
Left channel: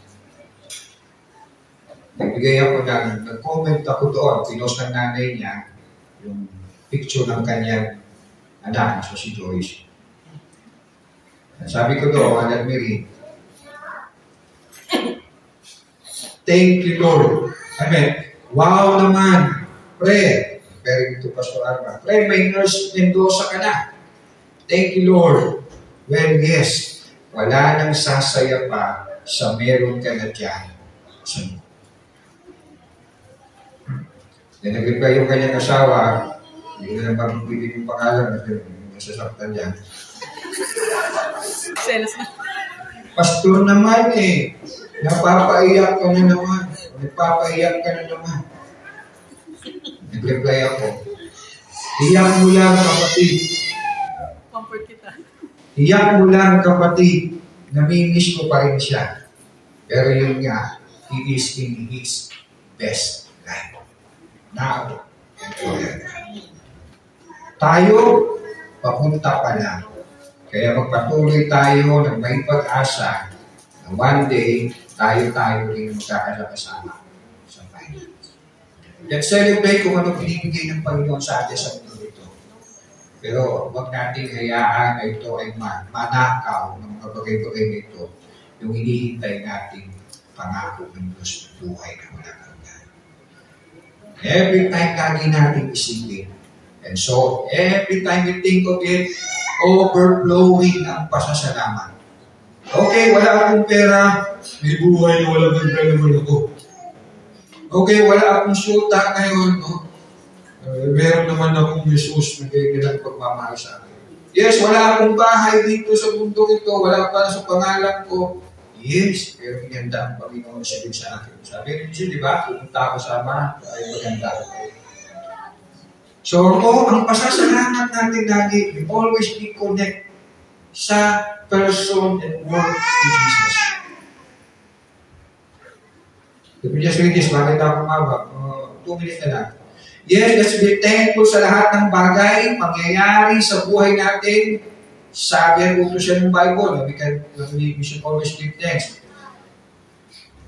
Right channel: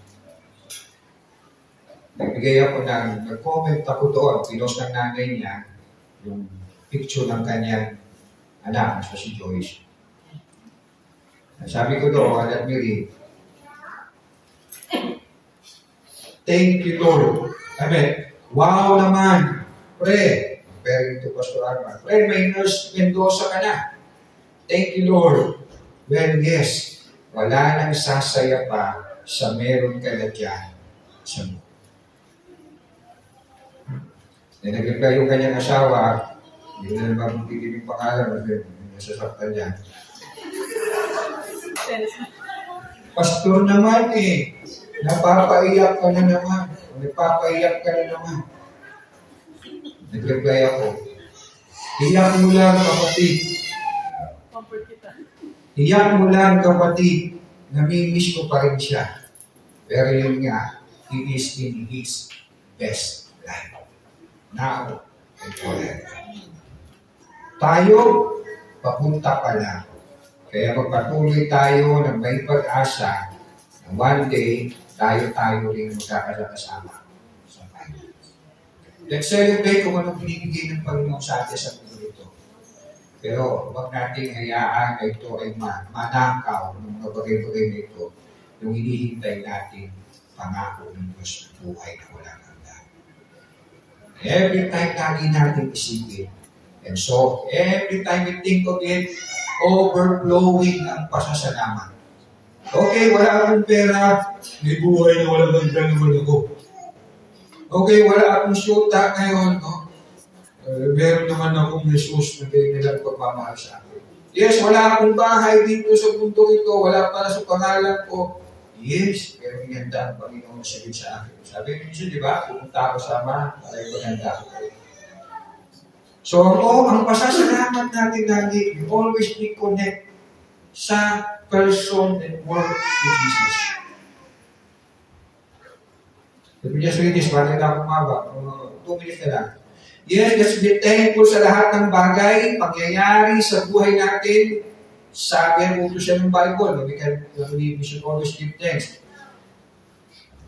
Nag-comment ako doon, pinost ng nanay niya, yung picture ng kanyang anak, so si Joyce. At sabi ko doon, let me read. Thank you, Lord. Amen. Wow naman. Pre, referring to Pastor Arman. Pre, may nurse Mendoza ka na. Thank you, Lord. Well, yes. Wala nang sasaya pa sa meron ka na dyan. Then nag-reply yung kanyang asawa, hindi na naman magpipili yung pangalan kasi nasasaktan niya. Selos na. Pastor naman eh, napapaiyak ka na naman. Nagpapaiyak ka na naman. Nag-reply ako, iyak mo lang kapatid. Comfort kita. Iyak mo lang kapatid. Namimiss ko pa rin siya. Pero yun nga, he is in his best life. Now, and forever. Tayo, papunta pa lang. Kaya magpatuloy tayo ng may pag-asa na one day, tayo rin magkakasama sa finance. Let's celebrate kung ano binibigay ng Panginoon sa atin sa mundo ito. Pero huwag nating hayaan na ito ay manakaw ng mga bagay-bagay na ito, yung hinihintay natin pangako ng Diyos na buhay na walang hanggan. Every time lagi natin isipin. And so, every time we think of it, overflowing ang pasasalamat. Okay, wala akong pera, may buhay na walang hanggan naman ako. Okay, wala akong syuta ngayon, no? Meron naman akong Jesus na kailangan pagmamahal sa akin. Yes, wala akong bahay dito sa bundok ito, wala pa sa pangalan ko. Yes, pero inanda ang Panginoon sa akin. Sabi niyo siya, di ba? Pupunta ako sa Ama, ay maganda ako. So, ang pasasalamat natin lagi, we always be connect sa person and work of Jesus. Let me just read this, bakit ako mabak? 2 minutes na lang. Yes, let's be thankful sa lahat ng bagay, pangyayari sa buhay natin. Sabi ang utos siya ng Bible, we should always give thanks.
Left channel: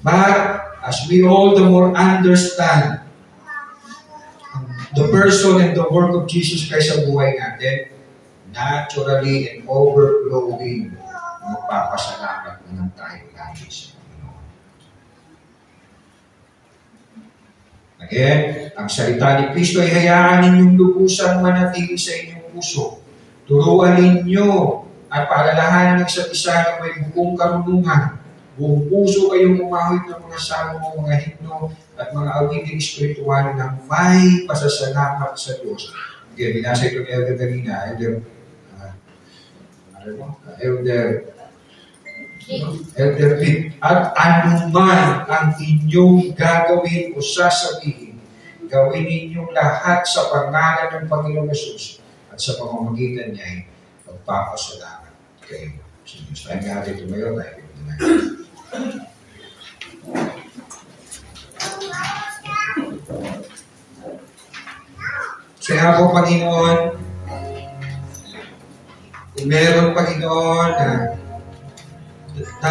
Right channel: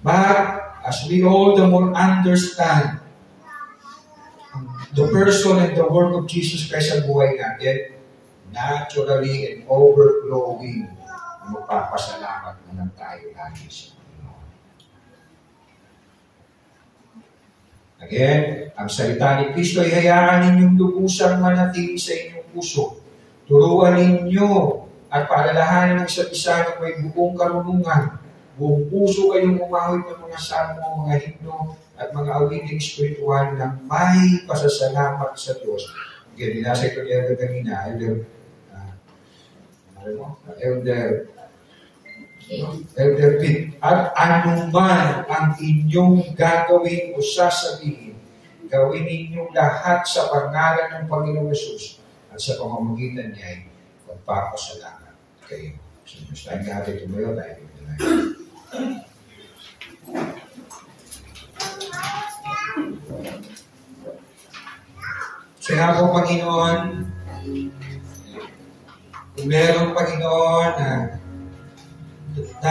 But, as we all the more understand the person and the work of Jesus Christ sa buhay natin, naturally and overflowing, magpapasalamat na lang tayo lagi sa Panginoon. Again, ang salita ni Kristo ay hayaan ninyong lubusang manatili sa inyong puso. Turuan ninyo at paalalahanan ng isa't isa ng may buong karunungan. Buong puso kayong umawit ng mga salmo, mga himno, at mga awiting espiritual na may pasasalamat sa Diyos. Again, binasa ito ni Elder kanina, Elder Pitt. At anuman ang inyong gagawin o sasabihin, gawin ninyong lahat sa pangalan ng Panginoong Yesus at sa pamamagitan niya ay magpapasalamat kayo. So, Diyos tayo natin tumayo, tayo tumayo. Kaya po, Panginoon, kung meron, Panginoon, na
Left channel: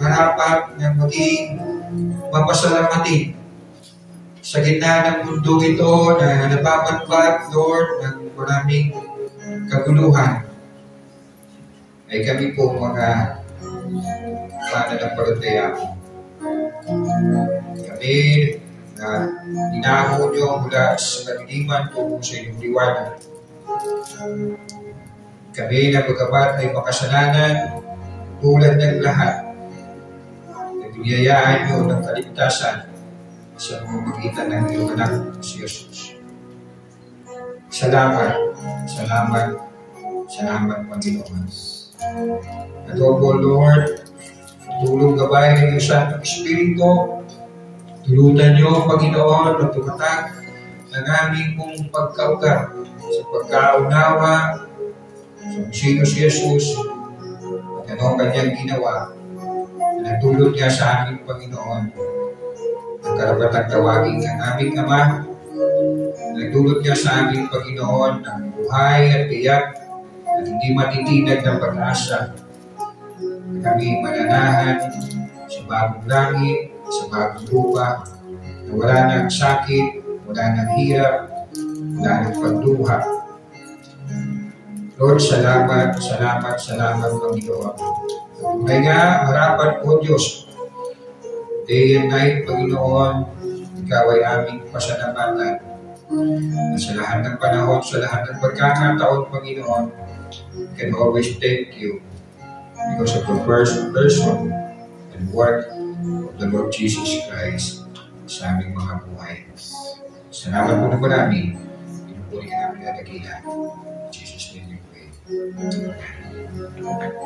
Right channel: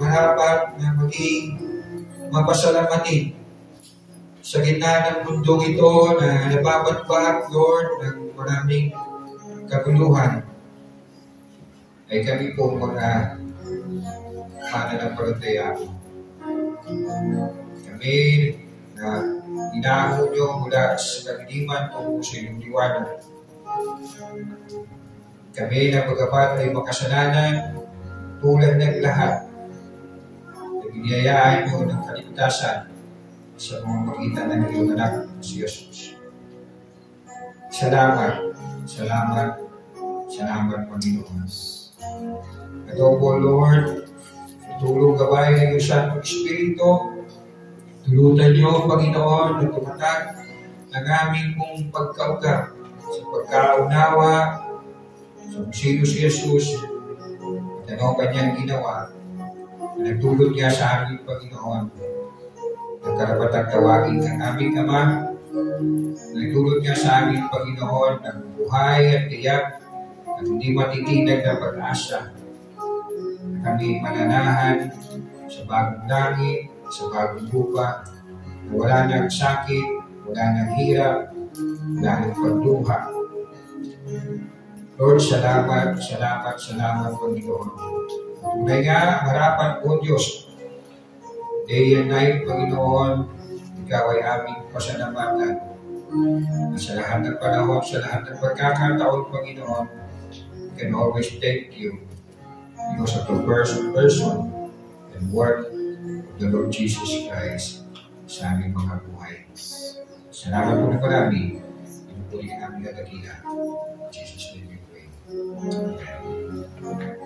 marapat na maging mapasalamatin sa gitna ng mundo ito na nababatbat, Lord, ng maraming kaguluhan, ay kami po mga pananampalataya. Kami na inaako nyo mula sa kadiliman tungo sa inyong liwanag. Kami na bagamat ay makasalanan tulad ng lahat, na biniyayaan nyo ng kaligtasan sa pamamagitan ng iyong anak si Jesus. Salamat, salamat, salamat, Panginoon. At po, Lord, tulong gabay ng iyong Santong Espiritu. Tulutan niyo, Panginoon, na tumatag ng aming pong pagkauga sa pagkaunawa sa sino si Jesus at ano ang kanyang ginawa na nagdulot niya sa aming Panginoon ang karapatang tawagin kang aming Ama. Nagdulot niya sa aming Panginoon ng buhay at tiyak at hindi matitinag ng pag-asa na kami mananahan sa bagong langit, sa bagong lupa, na wala ng sakit, wala ng hirap, wala ng pagduha. Lord, salamat, salamat, salamat, Panginoon. Tunay nga, marapat po, Diyos. Day and night, Panginoon, Ikaw ay aming pasalamatan. Na sa lahat ng panahon, sa lahat ng pagkakataon, Panginoon, we can always thank you because of the person and work of the Lord Jesus Christ sa aming mga buhay. Salamat po na marami. Pinupuri ka namin at dakila. Jesus name we pray. Amen.